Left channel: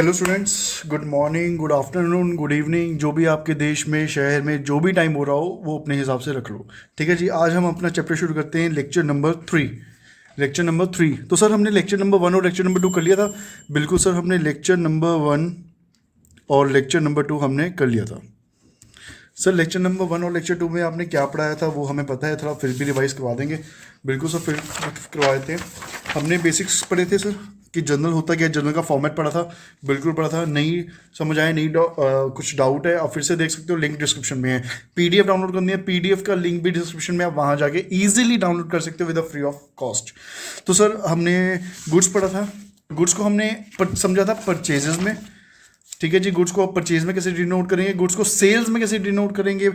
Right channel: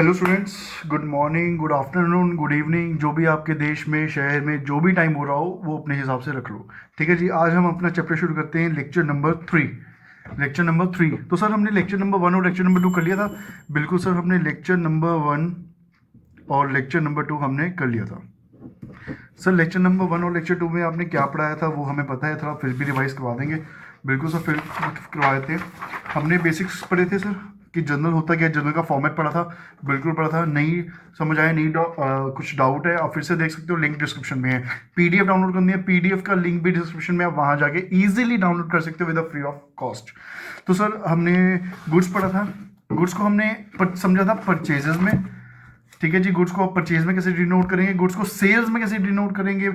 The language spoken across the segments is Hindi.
Hello students, good morning, good afternoon, good evening. जो भी आपके देश में, शहर में जो भी टाइम हो रहा हो वो अपने हिसाब से रख लो। ठीक है जी। आज हम अपना चैप्टर शुरू करते हैं, लेक्चर नंबर 3। Lecture number 3। तो सर हमने लेक्चर नंबर 1 और लेक्चर नंबर 2 कर लिया था। बिल्कुल सर, हमने लेक्चर नंबर 1 और लेक्चर नंबर 2 हमने कर लिया था। सर लेक्चर नंबर 1 और लेक्चर 2 में आपने क्या पढ़ाया था वो हमें पता है, थोड़ा फिर भी रिवाइज करवा देंगे। बिल्कुल सर, फिर करवा देते हैं। हमने बेसिक्स पढ़े थे सर कि जर्नल होता क्या है, जर्नल का फॉर्मेट पढ़ा था। बिल्कुल पढ़ा था। नहीं समझ आया, नहीं कुछ डाउट है, आप फिर से देख सकते हो, लिंक डिस्क्रिप्शन में है। पीडीएफ डाउनलोड करनी है, पीडीएफ का लिंक भी डिस्क्रिप्शन में, आप वहाँ जाके ईजिली डाउनलोड कर सकते हो विद फ्री ऑफ कॉस्ट। तो सर हमने गुड्स पढ़ा था। गुड्स को हमने समझा था परचेजेस में। ठीक है जी। गुड्स को आप परचेज में कैसे डिनोट करेंगे, गुड्स को सेल्स में कैसे डिनोट करेंगे,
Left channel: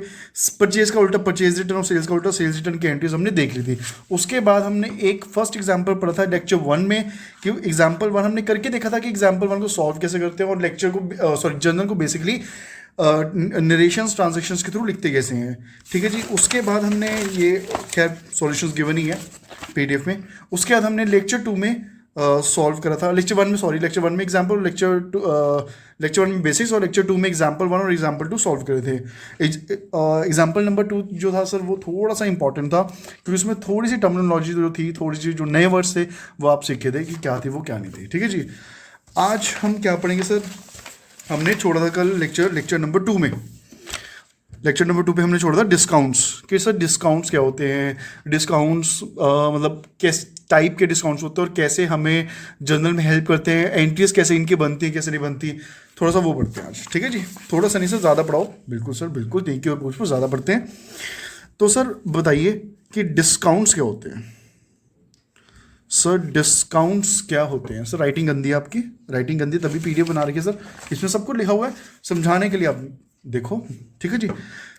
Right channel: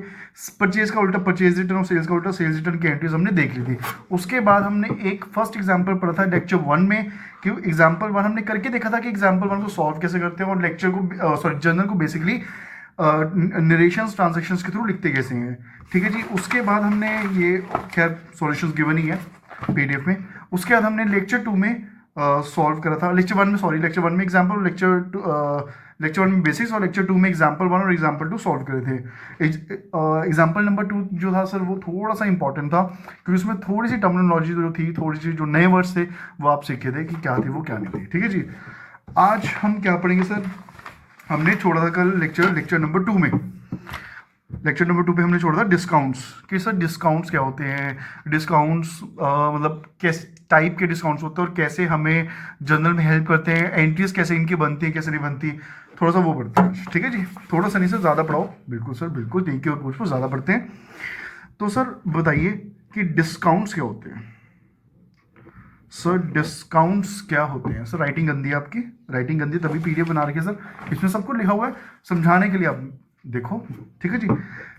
परचेज का उल्टा परचेज रिटर्न और सेल्स का उल्टा सेल्स रिटर्न की एंट्रीज हमने देख ली थी। उसके बाद हमने एक फर्स्ट एग्जांपल पढ़ा था लेक्चर 1 में कि एग्जांपल 1 हमने करके देखा था कि एग्जांपल 1 को सॉल्व कैसे करते हैं, और लेक्चर को सॉरी जर्नल को बेसिकली नरेशंस ट्रांजेक्शंस के थ्रू लिखते कैसे हैं। ठीक है जी। उसके बाद हमने ये खैर सॉल्यूशंस गिवन ही है पीडीएफ में। उसके बाद हमने लेक्चर 2 में सॉल्व करा था। लेक्चर 1 में सॉरी लेक्चर 1 में एग्जांपल, लेक्चर 1 में बेसिक्स, और लेक्चर 2 में एग्जांपल 1 और एग्जांपल 2 सॉल्व करे थे। एग्जांपल नंबर 2 जो था सर वो थोड़ा सा इंपॉर्टेंट था क्योंकि उसमें थोड़ी सी टर्मिनोलॉजी जो थी, थोड़ी सी जो नए वर्ड्स थे वो आप सीखे थे कि क्या थी वो क्या नहीं थी। ठीक है जी। आज हम क्या पढ़ेंगे सर, हमने छोड़ा था कल लेक्चर नंबर 2 में। लेक्चर नंबर 2 पे हमने छोड़ा था डिस्काउंट्स कि सर डिस्काउंट्स क्या होते हैं, डिस्काउंट्स मतलब किस टाइप के डिस्काउंट्स होते हैं और कैसे हमें जर्नल में हेल्प करते हैं, एंट्रीज कैसे इनकी बनती है कैसे नहीं बनती, थोड़ा सा वो पढ़ते हैं आज। ठीक है जी। थोड़ा सा नहीं सर, ज़्यादा पढ़ाओ। बिल्कुल सर, बिल्कुल थैंक यू, कुछ ज़्यादा पढ़ते हैं। तो सर बताइए कि डिस्काउंट्स क्या होते हैं। सर डिस्काउंट्स क्या होते हैं। सर राइटिंग गंदी है आपकी, राइटिंग गंदी तभी पीडीएफ बना रखी है सर, इसमें सब कुछ लिखा हुआ है समझाने के लिए, आप देखो। ठीक है जी।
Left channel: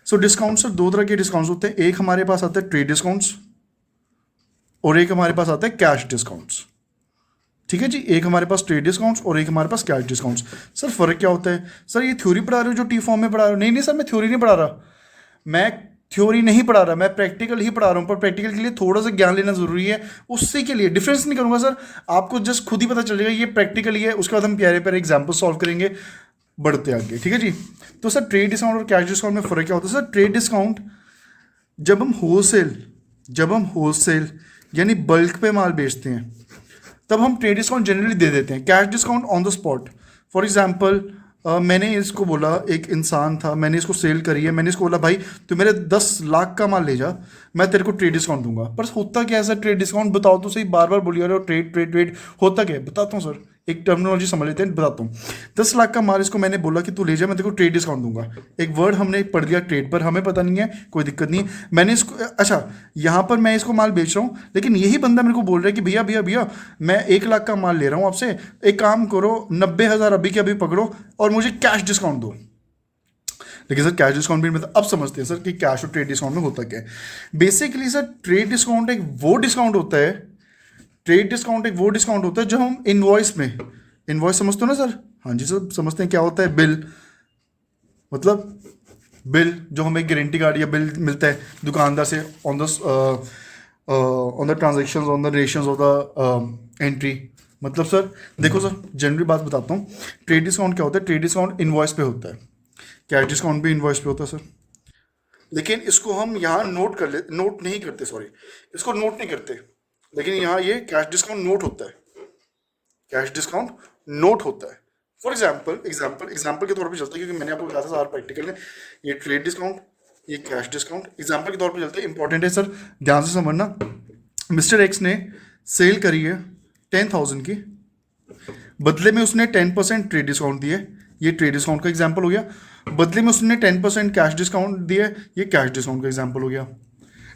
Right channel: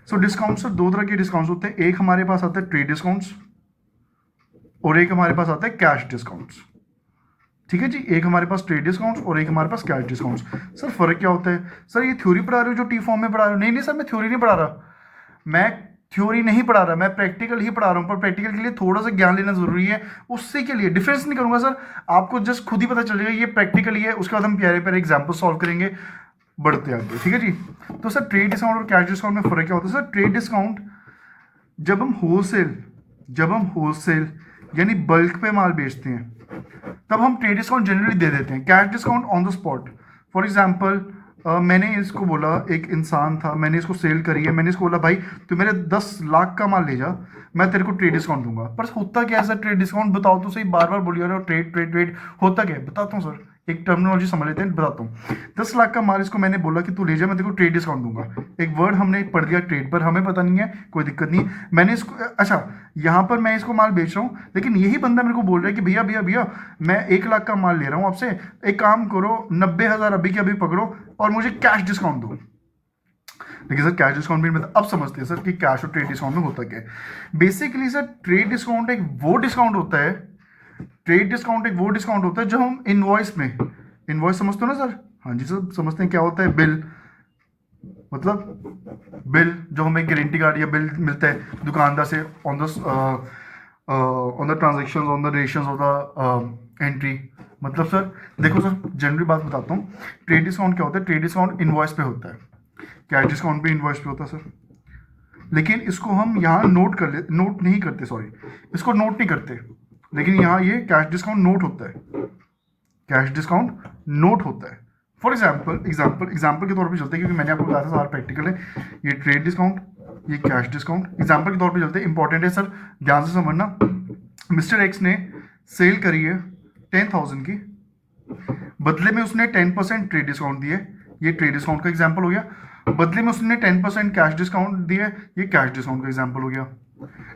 सो डिस्काउंट सर दो तरह के डिस्काउंट्स होते हैं। एक हमारे पास आता है ट्रेड डिस्काउंट्स और एक हमारे पास आता है कैश डिस्काउंट्स। ठीक है जी। एक हमारे पास ट्रेड डिस्काउंट्स और एक हमारे पास कैश डिस्काउंट्स। सर फर्क क्या होता है। सर ये थ्योरी पढ़ा रहे हो जो टी फॉर्म में पढ़ा रहे हो। नहीं नहीं सर, मैं थ्योरी नहीं पढ़ा रहा, मैं थ्योरी नहीं पढ़ा रहा, मैं प्रैक्टिकल ही पढ़ा रहा हूँ। पर प्रैक्टिकल के लिए थोड़ा सा ज्ञान लेना जरूरी है, उससे के लिए डिफरेंस नहीं करूंगा सर, आपको जस्ट खुद ही पता चलेगा ये प्रैक्टिकल ही है। उसके बाद हम प्यारे प्यारे एग्जाम्पल सॉल्व करेंगे, बढ़ते आगे। ठीक है जी। तो सर ट्रेड डिस्काउंट और कैश डिस्काउंट में फर्क क्या होता है। सर ट्रेड डिस्काउंट जब हम होलसेल यानी बल्क पे माल बेचते हैं तब हम ट्रेड डिस्काउंट जनरली दे देते हैं। Cash discount on the spot. For example मैंने इसको बोला, एक इंसान था, मैंने इसको सेल करी है, मैंने इसको बोला भाई तू मेरे 10 लाख का माल ले जा, मैं तेरे को ट्रेड डिस्काउंट दूंगा। पर होता क्या है सर ट्रेड डिस्काउंट, बताओ तो सही, बार बार बोलिए रहे हो ट्रेड ट्रेड ट्रेड, होता क्या है बताता हूँ सर, एक टर्मिनोलॉजी समझ लेते हैं, बताता हूँ। 10 लाख का माल इसको मैंने बोला कि तू ले जा, मैं तेरे को ट्रेड डिस्काउंट दूंगा। एक वर्ड हमने पढ़ दिया ट्रेड, पर हमें पता नहीं है, कोई दिक्कत नहीं। मैंने इसको अच्छा, यहाँ पर मैं इसको माल बेच रहा हूँ लेकिन यही बंदा मेरे को बोल रहा है कि भैया भैया भैया मैं 1 लाख का माल ले रहा हूँ आपसे, एक काम करो 90,000 अभी के अभी पकड़ो और मुझे कैश डिस्काउंट दो। लेकिन सर कैश डिस्काउंट भी मतलब अब समझते हैं सर कि कैश और ट्रेड डिस्काउंट में होता क्या है। बेसिकली सर ट्रेड डिस्काउंट एक वो डिस्काउंट होता है, ट्रेड डिस्काउंट एक वो डिस्काउंट होता है जो हम इनवॉइस में, इनवॉइस समझते हो ना सर। हाँ जी सर समझते हैं। क्या होता है बिल, मतलब बिल जो हमें गारंटी कार्ड या बिल मिलता है दुकानदार से on the transaction on the rations of the entry. मतलब सर देखो सर जनरली बात बताता हूँ, ट्रेड डिस्काउंट क्या होता है, ट्रेड डिस्काउंट इनवॉइस पे होता है, कैश डिस्काउंट भी इनवॉइस पे होता है सर। लेकिन इसको हम यहाँ नोट नहीं करते, सॉरी इसको नोट नहीं करते, लेकिन यहाँ ये कैश डिस्काउंट नोट होता है, कैश डिस्काउंट नोट होता है। फॉर एग्जाम्पल के तौर पे चलते हैं क्योंकि मैंने आपको बताया था सारा प्रैक्टिकल है। ये ट्रेड डिस्काउंट, ये कैश डिस्काउंट, एग्जाम्पल के तौर पे चलते हैं, इंपॉर्टेंट है सर, ध्यान से समझना। मिस्टर एक्स ने सेल करी है 10,000 की, बदले में उसने 10% ट्रेड डिस्काउंट दिया, ये ट्रेड डिस्काउंट का एग्जाम्पल हो गया। बदले में उसने 10% कैश डिस्काउंट दिया, ये कैश डिस्काउंट का एग्जाम्पल हो गया।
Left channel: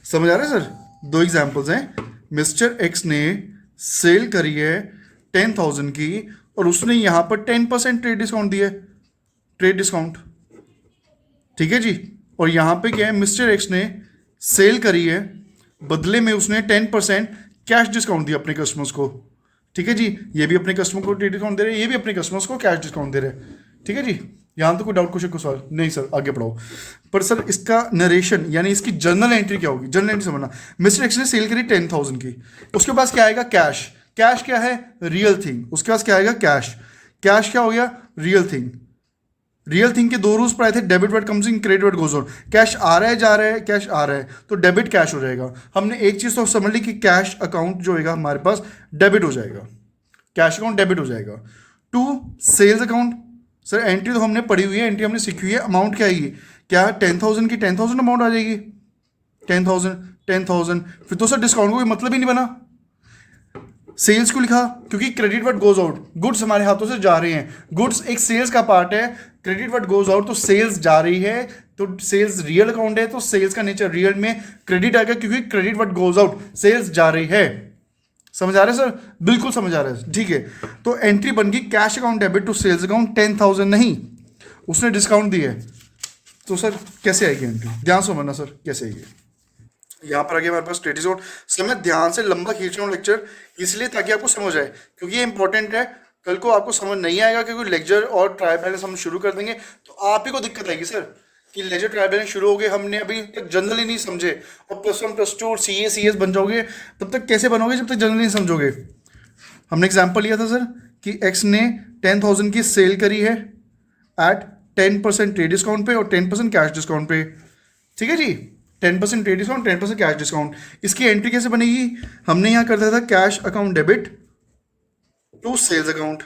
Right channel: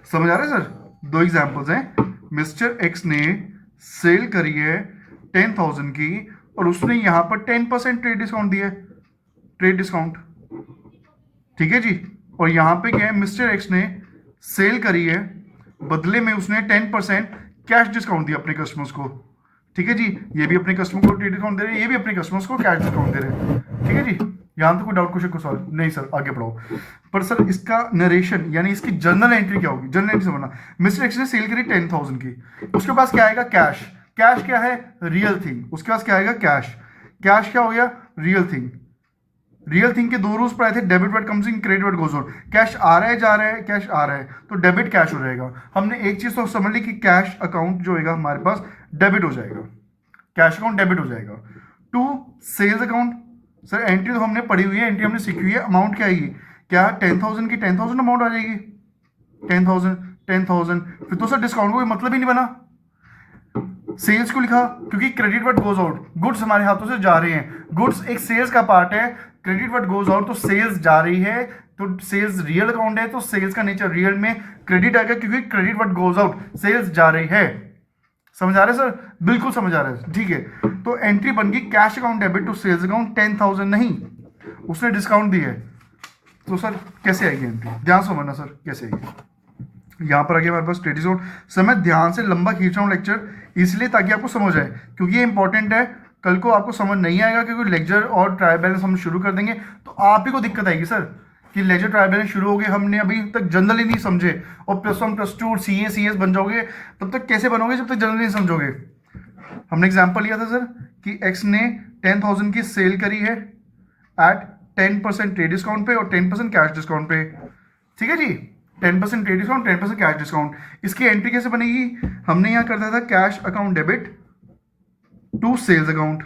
समझ आ रहा है सर, दो एग्जाम्पल्स हैं। मिस्टर एक्स ने सेल करी है 10,000 की और उसने यहां पर 10% ट्रेड डिस्काउंट दिया है, ट्रेड डिस्काउंट। ठीक है जी। और यहां पे क्या है, मिस्टर एक्स ने सेल करी है, बदले में उसने 10% कैश डिस्काउंट दिया अपने कस्टमर्स को। ठीक है जी। ये भी अपने कस्टमर को ट्रेड डिस्काउंट दे रहे हैं, ये भी अपने कस्टमर्स को कैश डिस्काउंट दे रहे हैं। ठीक है जी। यहाँ तो कोई डाउट क्वेश्चन को सवाल नहीं सर, आगे बढ़ाओ। पर सर इसका नरेशन यानी इसकी जर्नल एंट्री क्या होगी, जर्नल एंट्री समझना। मिस्टर एक्स ने सेल करी 10,000 की, उसके पास क्या आएगा, कैश। कैश क्या है, रियल थिंग, उसके पास क्या आएगा, कैश। कैश क्या हो गया, रियल थिंग। रियल थिंग के दो रूल्स पढ़ाए थे, debit what comes in, credit what goes out. Cash आ रहा है जा रहा है, कैश आ रहा है तो डेबिट कैश हो जाएगा। हमने एक चीज तो समझ ली कि कैश अकाउंट जो होगा हमारे पास डेबिट हो जाएगा, कैश अकाउंट डेबिट हो जाएगा। To sales account, sir entry तो हमने पढ़ी हुई है, एंट्री हमने सीखी हुई है। अमाउंट क्या आएगी, क्या 10,000 की 10,000 अमाउंट आ जाएगी, 10,000 फिर तो सर डिस्काउंट को कोई मतलब ही नहीं बना। सेल्स क्यों लिखा, क्योंकि credit what goes out, goods हमारे हाथों से जा रहे हैं, गुड्स एक सेल्स का पार्ट है। क्रेडिट व्हाट गोज आउट तो सेल्स जा रही है, तो सेल्स रियल अकाउंट है, तो सेल्स का नेचर रियल में क्रेडिट आएगा, क्योंकि credit what goes out sales जा रही है। समझ आ रहा है सर, बिल्कुल समझ आ रहा है, ठीक है। तो एंट्री बन गई cash account debit to sales account 10,000 नहीं, उसने डिस्काउंट दिया है, तो सर कैसे आएगी एंट्री, ध्यान से समझना सर कैसे आएगी। यहाँ पर आगे हमारे पास ट्रेड डिस्काउंट। सर मैं ध्यान से लंबा खींच रहा हूँ लेक्चर इसलिए ताकि आपको समझ आए, क्योंकि ये इंपॉर्टेंट है। कल को आपको समझ नहीं आएगा, क्योंकि लेक्चर और ट्रायल बैलेंस हम शुरू कर देंगे तो आप ही को दिक्कत आएगी सर कि लेजर ट्रायल बैलेंस शुरू हो गए, हमने अभी तक जनरल ही नहीं समझे, और +1 +2 और CS बन जाओगे, तब तक कैसे बनोगे जब तक जनरल नहीं समझोगे। हमने एग्जांपल लिया था सर कि एक्स ने 10,000 की सेल करी है एट 10% ट्रेड डिस्काउंट पे और 10% कैश डिस्काउंट पे, ठीक है जी। 10% ट्रेड डिस्काउंट, 10% कैश डिस्काउंट। इसकी एंट्री कैसे बनेगी, हमने यहाँ करता था cash account debit to sales account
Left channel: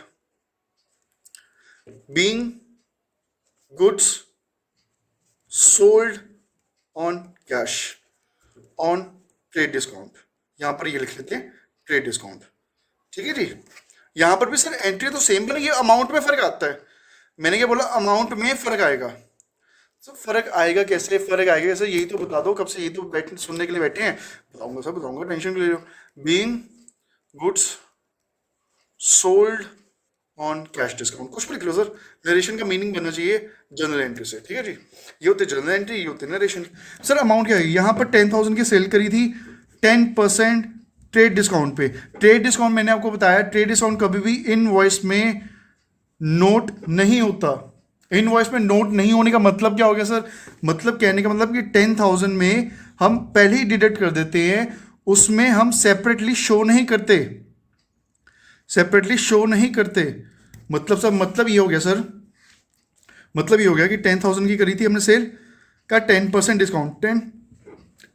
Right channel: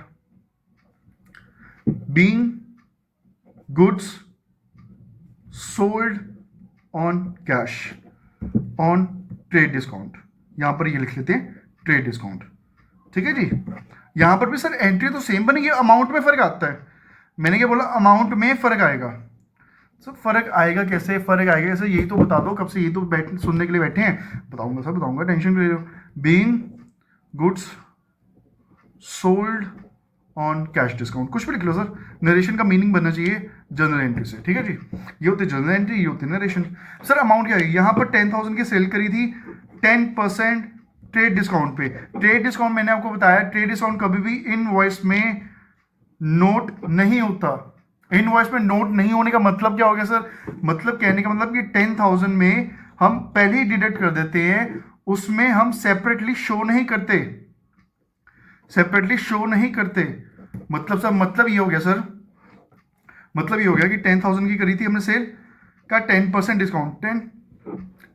being goods sold on cash on trade discount. यहां पर ये लिख लेते हैं ट्रेड डिस्काउंट, ठीक है जी। यहां पर भी सर एंट्री तो सेम बनेगी, अमाउंट में फर्क आता है। मैंने क्या बोला, अमाउंट में फर्क आएगा। सर फर्क आएगा कैसे, फर्क आएगा कैसे, यही तो बता दो, कब से यही तो बैठ सुनने के लिए बैठे हैं। बताऊंगा सर बताऊंगा, टेंशन क्यों ले रहे हो। Being goods sold on cash discount, कुछ भी लिख लो सर, नरेशन का मीनिंग बनना चाहिए जनरल एंट्री से, ठीक है जी। ये होते जनरल एंट्री, ये होते नरेशन। सर अमाउंट क्या है, यहाँ पर 10,000 की सेल करी थी 10% ट्रेड डिस्काउंट पे। ट्रेड डिस्काउंट मैंने आपको बताया, ट्रेड डिस्काउंट कभी भी इनवॉइस में नोट नहीं होता। इनवॉइस में नोट नहीं होने का मतलब क्या हो गया सर, मतलब कहने का मतलब कि 10,000 में हम पहले ही डिडक्ट कर देते हैं, उसमें हम सेपरेटली शो नहीं करते, सेपरेटली शो नहीं करते। मतलब सर मतलब ये हो गया सर, मतलब ये हो गया कि 10,000 की करी थी हमने सेल का 10% डिस्काउंट,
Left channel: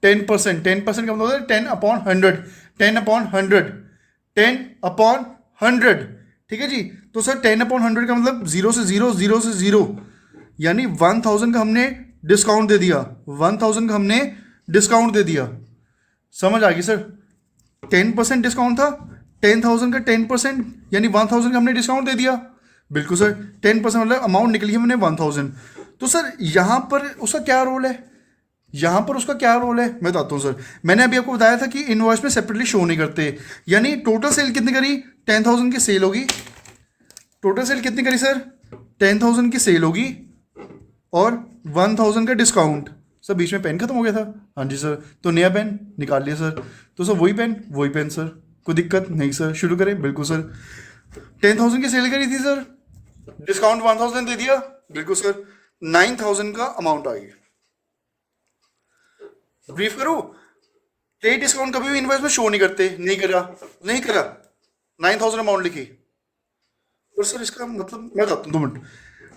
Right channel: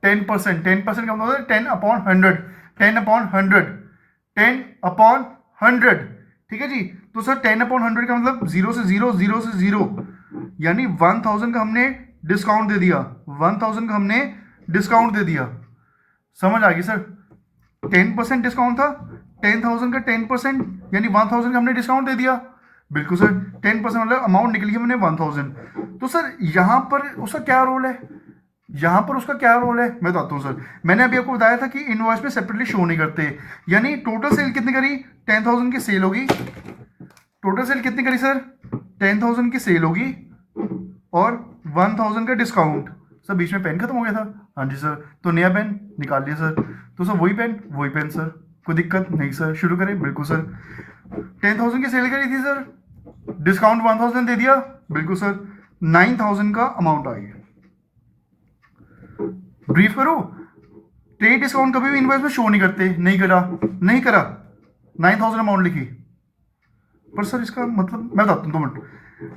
10% का मतलब होता है 10/100, 10/100, 10/100, ठीक है जी। तो सर 10/100 का मतलब 0 से 0, 0 से 0, यानी 1,000 का हमने डिस्काउंट दे दिया, 1,000 का हमने डिस्काउंट दे दिया। समझ आ गई सर, 10% डिस्काउंट था, 10,000 का 10% यानी 1,000 का हमने डिस्काउंट दे दिया। बिल्कुल सर, 10% मतलब अमाउंट निकली हमने 1,000। तो सर यहाँ पर उसका क्या रोल है, यहाँ पर उसका क्या रोल है मैं बताता हूँ सर। मैंने अभी आपको बताया था कि इनवॉइस में सेपरेटली शो नहीं करते, यानी टोटल सेल कितनी करी, 10,000 की सेल होगी। टोटल सेल कितनी करी सर, 10,000 की सेल होगी और 1,000 का डिस्काउंट। सर बीच में पेन खत्म हो गया था, हाँ जी सर, तो नया पेन निकाल लिया सर। तो सर वही पेन सर, कोई दिक्कत नहीं सर, शुरू करें। बिल्कुल सर, 10,000 की सेल करी थी सर, डिस्काउंट 1,000 दे दिया, बिल्कुल सर 9,000 का अमाउंट आ गया। ब्रीफ करो, ट्रेड डिस्काउंट कभी भी इनवॉइस में शो नहीं करते, नहीं करा 9,000 अमाउंट लिखी, पर सर इसका मतलब मैं बताता हूँ 2 मिनट।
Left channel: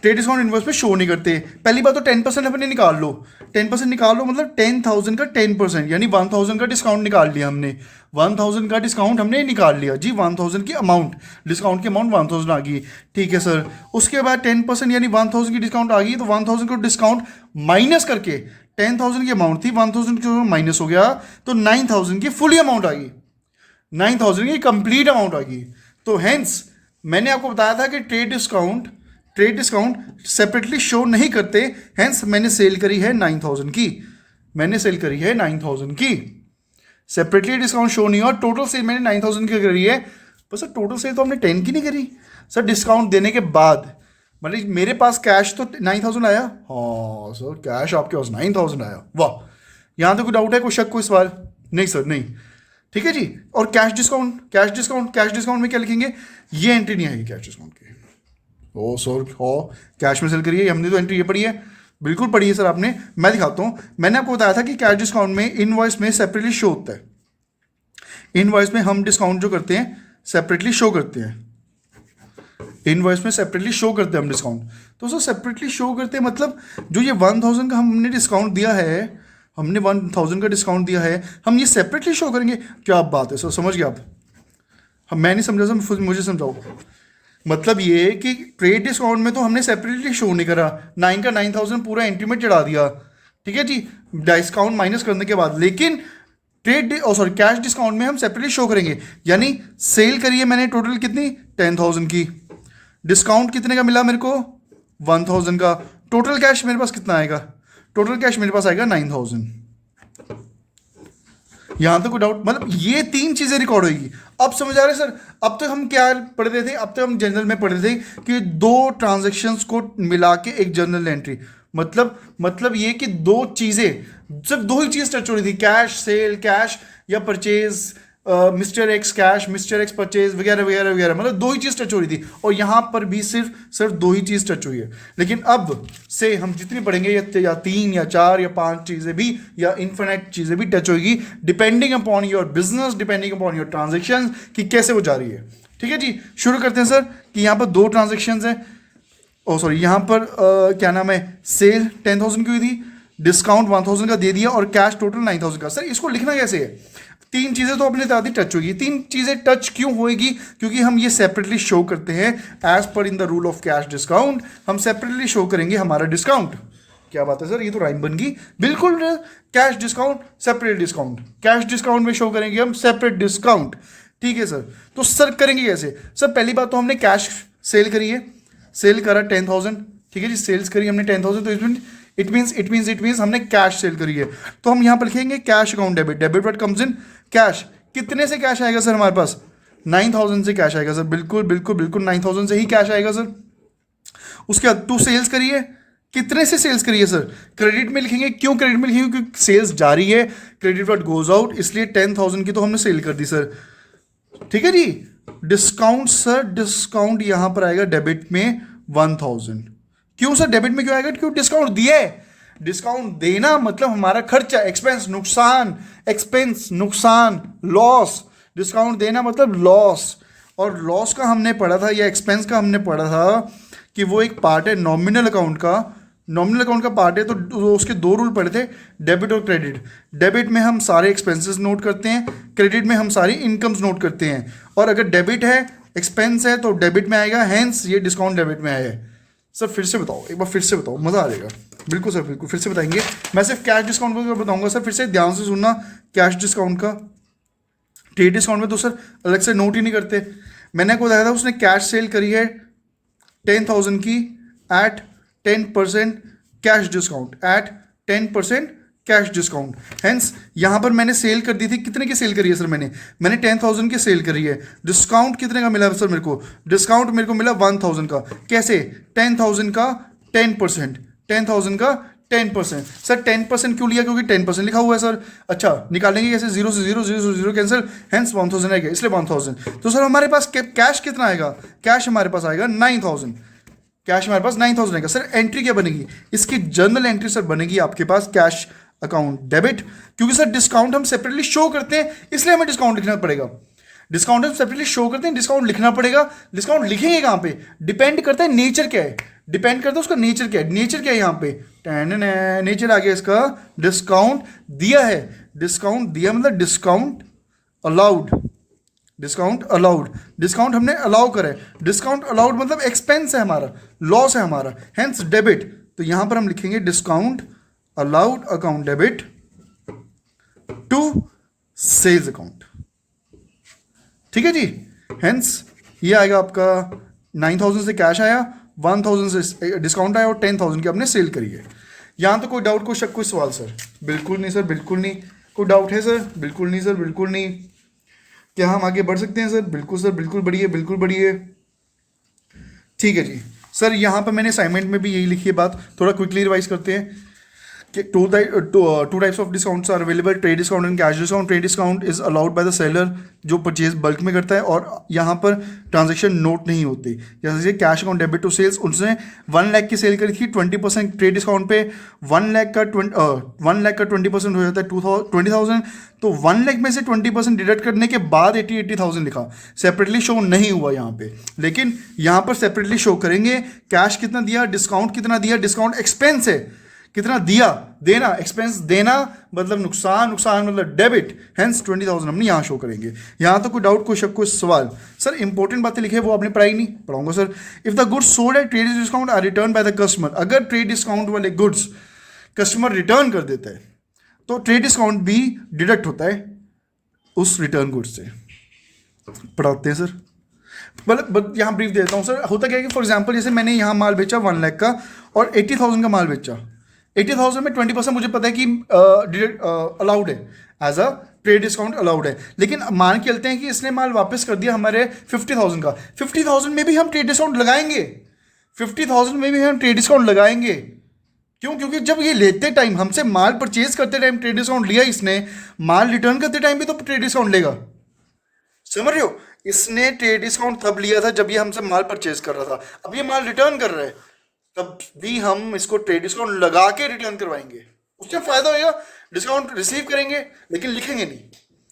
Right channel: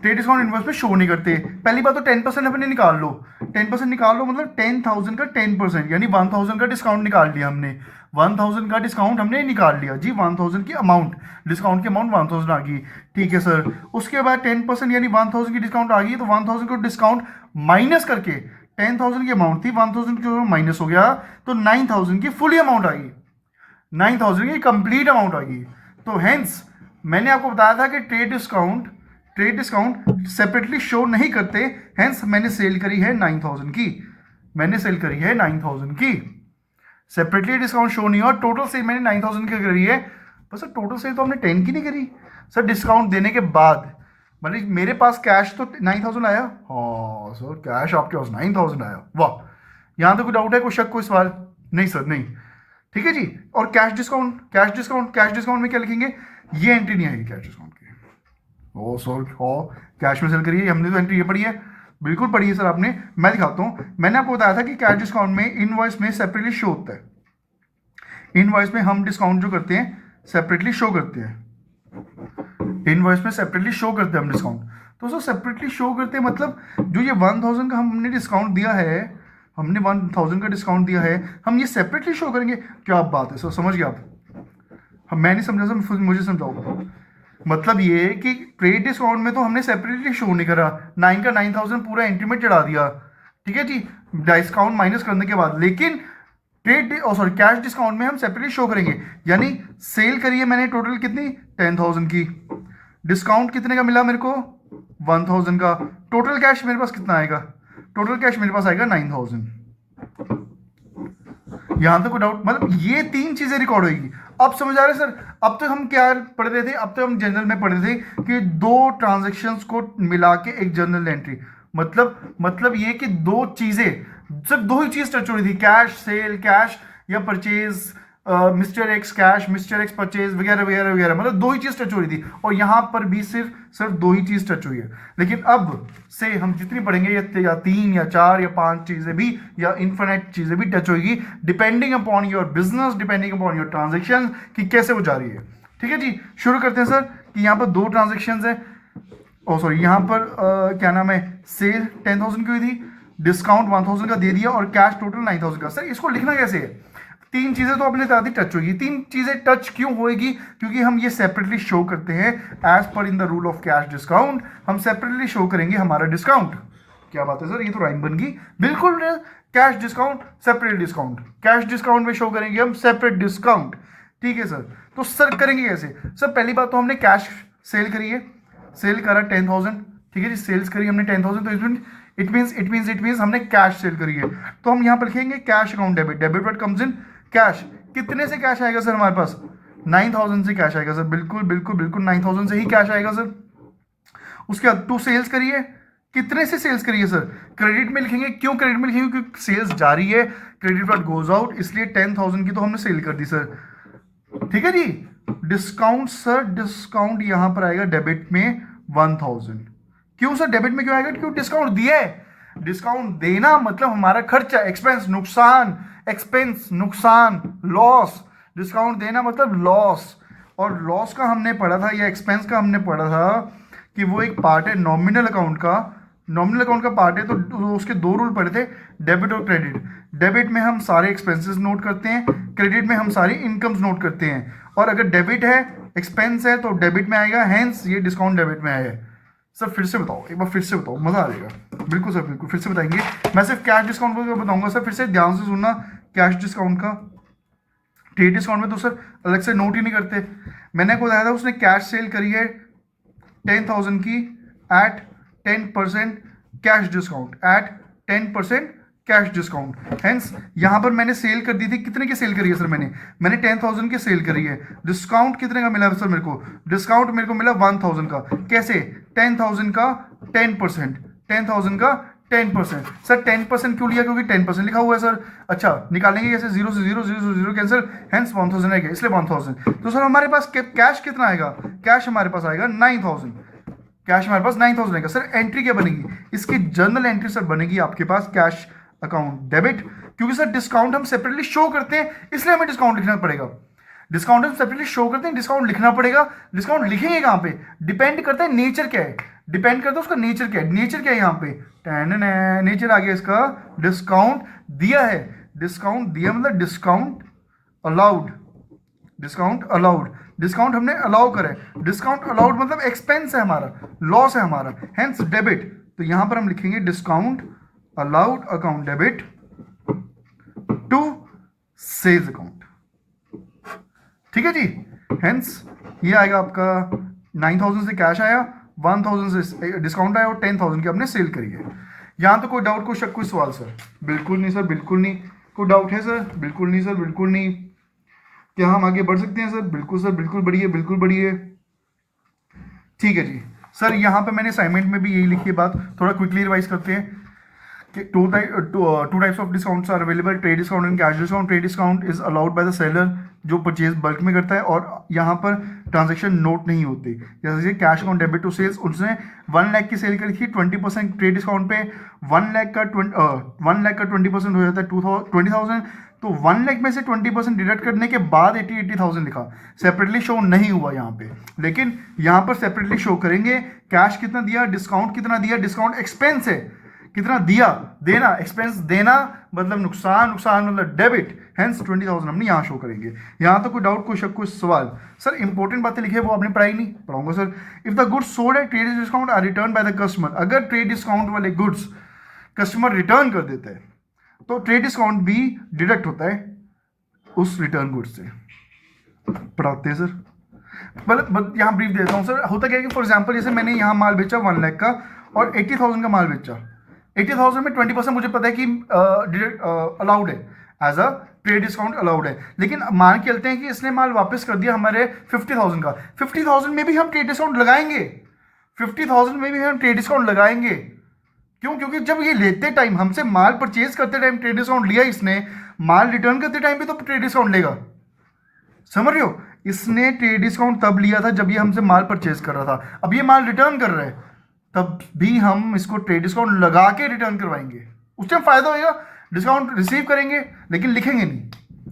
ट्रेड डिस्काउंट इनवॉइस में शो नहीं करते, पहली बात तो 10% अपने निकाल लो, 10% निकाल लो मतलब 10,000 का 10%, यानी 1,000 का डिस्काउंट निकाल लिया हमने, 1,000 का डिस्काउंट हमने निकाल लिया जी। 1,000 की अमाउंट, डिस्काउंट की अमाउंट 1,000 आ गई, ठीक है सर। उसके बाद 10% यानी 1,000 की डिस्काउंट आ गई, तो 1,000 को डिस्काउंट माइनस करके 10,000 की अमाउंट थी, 1,000 की माइनस हो गया, तो 9,000 की फुली अमाउंट आ गई, 9,000 की कंप्लीट अमाउंट आ गई। तो हेंस मैंने आपको बताया था कि ट्रेड डिस्काउंट सेपरेटली शो नहीं करते, हेंस मैंने सेल करी है 9,000 की, मैंने सेल करी है 9,000 की, सेपरेटली डिस्काउंट शो नहीं हुआ। टोटल सेल मैंने 9,000 की करी है, पर सर टोटल सेल तो हमने 10 की नहीं करी सर, डिस्काउंट देने के बाद। मतलब मेरे पास कैश तो 9,000 आया, हाँ सर कैश आपके पास 9,000 आया, वाह। यहाँ तो कोई डाउट है, कोई शक, कोई सवाल? नहीं सर नहीं, ठीक है जी। और कैश डिस्काउंट में क्या लिखेंगे, ये एंट्री नहीं आएगी कैश डिस्काउंट की। ओ सर हाँ, कैश में सेल करिए, हमने तो एंट्री ये पढ़ी है, बिल्कुल पढ़ी है सर आपने। मैं दिखाता हूँ, मैंने आपको बताया था कि कैश डिस्काउंट में इनवॉइस में सेपरेटली शो होता है, इनवॉइस में हम डिस्काउंट जो करते हैं सेपरेटली शो करते हैं। इनवॉइस में सेपरेटली शो करते हैं हम डिस्काउंट। तो सर सेपरेटली शो करते हैं मतलब जो ये 1000 का हमने डिस्काउंट दिया है, हमने 1000 का डिस्काउंट दिया है, हम ये सेपरेटली शो करेंगे। क्या बात है सर, समझ गए आप? हम, मैं नहीं समझा सर, मुझे समझाओ। मतलब ये कि ट्रेड डिस्काउंट में तो हमने सेपरेटली शो नहीं करा, 9 का 9000 पूरा एंट्री में चढ़ा दिया, ठीक है जी, डिस्काउंट माइनस करने के बाद। लेकिन ट्रेड सॉरी कैश डिस्काउंट में हम सेपरेटली शो करेंगे। यानी सेल करिए मैंने टोटल कितनी, 10000 की, डिस्काउंट कितने का मिला मेरे को, 1000 का, टोटल कैश मेरे पास कितना आएगा, टोटल कैश मेरे पास आएगा 9000। यहां तक कोई डाउट? मतलब ये 3 चीजें रिकॉर्ड होगी। अब समझ आ रहे सर? अब तक हम क्या पढ़ रहे थे, अब तक हम जनरल में पढ़ रहे थे कि 2 ट्रांजेक्शन्स को मिला के एक जर्नल एंट्री, मतलब ये कि 2 चीजें, सिर्फ 2 ही चीज टच हो रही थी, कैश सेल, कैश या purchase, mister x cash, mister x purchase वगैरह वगैरह वगैरह, मतलब 2 ही चीज टच हो रही थी। और यहां पर भी सिर्फ 2 ही चीज टच हुई है। लेकिन अब से हम जितनी पढ़ेंगे या 3 या 4 या 5 चीजें भी या इन्फिनिट चीजें भी टच होगी, depending upon your business, depending upon your transaction कि कैसे वो जा रही है। ठीक है जी, शुरू करते हैं सर कि यहाँ पर 2 ट्रांजेक्शन है। ओ सॉरी, यहाँ पर क्या नाम है, सेल 10000 की हुई थी, डिस्काउंट 1000 का दे दिया और कैश टोटल 9000 का। सर इसको लिखना कैसे है? 3 चीजें तो अपने दादी टच होगी। 3 चीजें टच क्यों होएगी? क्योंकि हम ये सेपरेटली शो करते हैं as per in the rule of cash discount. हम सेपरेटली शो करेंगे हमारा डिस्काउंट। क्या बात है सर, ये तो राइम बन गई बिल्कुल। Cash discount, separate discount, cash discount में शो करेंगे हम सेपरेट डिस्काउंट। ठीक है सर, तो सर करेंगे कैसे? सर पहली बात तो हमने कैश सेल करी है, सेल करा 10000, ठीक है जी, सेल्स करी हमने 10000, तो इट मीन्स हमने कैश सेल करी है। तो हम यहाँ पर लिखेंगे cash account debit, debit what comes in cash. कितने से कैश आएगा सर हमारे पास? 9000 से कैश आएगा सर, बिल्कुल बिल्कुल बिल्कुल 9000 से ही कैश आएगा सर। उसके बाद 2 सेल्स करिए, कितने से सेल्स करिए सर? क्रेडिट में लिखेंगे। क्यों क्रेडिट में लिखेंगे? क्योंकि सेल्स जारी है, क्रेडिट व्हाट गोज आउट, इसलिए 10000 की तो हमने सेल कर दी सर। ठीक है जी, डिस्काउंट सर, डिस्काउंट यहां पर आएगा डेबिट में 1000। क्यों सर डेबिट में क्यों आएगा? क्यों डिस्काउंट दिया है। डिस्काउंट देना मतलब हमारा खर्चा, एक्सपेंस नुकसान, एक्सपेंस नुकसान, लॉस। डिस्काउंट देना मतलब लॉस। और लॉस का हमने पढ़ा था या एक्सपेंस का हमने पढ़ा था कि वो एक पार्ट है नॉमिनल अकाउंट का, नॉमिनल अकाउंट का पार्ट है। तो उसके 2 रूल पढ़े थे, डेबिट और क्रेडिट। डेबिट में हम सारे एक्सपेंसेस नोट करते हैं, क्रेडिट में हम सारी इनकम्स नोट करते हैं। और अगर डेबिट है, एक्सपेंस है, तो डेबिट में आएगा, हैंस ये डिस्काउंट डेबिट में आया है। सर फिर से बताओ, एक बार फिर से बताओ, मज़ा आ जाएगा। बिल्कुल सर, बिल्कुल फिर से बताएंगे। मैं सिर्फ कैश डिस्काउंट को बताऊंगा सर, फिर से ध्यान से सुनना। कैश डिस्काउंट का, ट्रेड डिस्काउंट में तो सर अलग से नोट ही नहीं करते। मैंने आपको बताया था उसने कैश सेल करी है 10000 की at 10% cash discount, at 10% cash discount. Hence यहां पर मैंने सेल कर दी थी, कितने की सेल करी है सर? मैंने 10000 की सेल करी है। डिस्काउंट कितने का मिला सर मेरे को? डिस्काउंट मेरे को मिला 1000 का। कैसे? 10000 का 10%, 10000 का 10%। सर 10% क्यों लिया? क्योंकि 10% लिखा हुआ है सर। अच्छा, निकालेंगे कैसे? 0 से 0, 0 से 0 कैंसिल, हेंस 1000 आएगा, इसलिए 1000। तो सर हमारे पास कैश कितना आएगा? कैश हमारे पास आएगा 9000। कैश हमारे पास 9000 आएगा। सर एंट्री क्या बनेगी इसकी? जर्नल एंट्री सर बनेगी आपके पास कैश अकाउंट डेबिट। क्योंकि सर डिस्काउंट हम सेपरेटली शो करते हैं, इसलिए हमें डिस्काउंट लिखना पड़ेगा। डिस्काउंट हम सेपरेटली शो करते हैं, डिस्काउंट लिखना पड़ेगा। डिस्काउंट लिखेंगे कहाँ पे? डिपेंड करता है नेचर क्या है, डिपेंड करता है उसका नेचर क्या है। नेचर क्या है यहाँ पे? नेचर आ गया इसका, डिस्काउंट दिया है। डिस्काउंट दिया मतलब discount allowed, discount allowed, discount हमने अलाउ करा है। डिस्काउंट अलाउड मतलब एक्सपेंस है हमारा, लॉस है हमारा, हेंस डेबिट। तो यहां पर हम लिखेंगे discount allowed account debit to sales account. ठीक है जी, हेंस ये आएगा आपका 9000 से कैश आया, 1000 से डिस्काउंट आया और 10000 की आपने सेल करी है। यहां तो कोई डाउट, कोई शक, कोई सवाल सर? बिल्कुल नहीं सर, बिल्कुल नहीं। कोई डाउट है सर? बिल्कुल नहीं सर, बिल्कुल नहीं। क्या हम आगे बढ़ सकते हैं सर? बिल्कुल सर, बिल्कुल बढ़िए, बिल्कुल बढ़िए। ठीक है जी सर, यहाँ पे मैंने असाइनमेंट में भी यही लिखी है बात, थोड़ा क्विकली रिवाइज करते हैं। two types of discounts are available, trade discount and cash discount. Trade discount is allowed by the seller जो परचेज बल्क में करता है, और यहाँ पर ट्रांजेक्शन नोट नहीं होती। जैसे cash account debit to sales, उसने 1 लाख की सेल करी थी, 20% ट्रेड डिस्काउंट पे 1 लाख का 20% हो जाता है 20,000, तो 1 लाख में से 20% डिडक्ट करने के बाद 80,000 लिखा, सेपरेटली शो नहीं हुआ यहाँ पे, लेकिन यहाँ पर सेपरेटली शो करेंगे। कैश कितना दिया, डिस्काउंट कितना दिया, डिस्काउंट एक्सपेंस है, कितना दिया, देना, एक्सपेंस देना मतलब नुकसान, नुकसान मतलब डेबिट, हेंस 20,000 हमने यहाँ शो करेंगे। यहाँ तो कोई डाउट, कोई शक, कोई सवाल? सर इंपॉर्टेंट बातें लिखे वो आपने पढ़ाई नहीं, पढ़ाऊंगा sir. If the goods sold at trade discount are return by the customer, अगर ट्रेड डिस्काउंट वाले गुड्स कस्टमर रिटर्न कर देता है तो ट्रेड डिस्काउंट भी डिडक्ट होता है उस रिटर्न गुड्स से। पढ़ाते हैं सर, मतलब यहाँ ब्रीफ देता हूँ सर। होता क्या है कि फॉर एग्जाम्पल जैसे मैंने यहाँ माल बेचा 1 लाख का और 80,000 का माल बेचा, 80,000 में 20% मुझे पता है कि अलाउड है, as a trade discount allowed है, लेकिन मान के चलते हैं कि इसने माल वापस कर दिया हमारे 50,000 का, 50,000 में भी हम ट्रेड डिस्काउंट लगाएंगे, 50,000 में भी हम ट्रेड डिस्काउंट लगाएंगे। क्यों? क्योंकि जब ये लेते टाइम, हमसे माल परचेज करते टाइम ट्रेड डिस्काउंट लिया इसने, माल रिटर्न करते टाइम भी तो ट्रेड डिस्काउंट लेगा। समझ रहे हो? इसने ट्रेड डिस्काउंट तब लिया था जब ये हमसे माल परचेज कर रहा था, अब ये माल रिटर्न कर रहा है, तब भी हम इसको ट्रेड डिस्काउंट लगा के रिटर्न करवाएंगे। उस टाइम फायदा होगा, डिस्काउंट रिसीव करेंगे लेकिन लिखेंगे नहीं,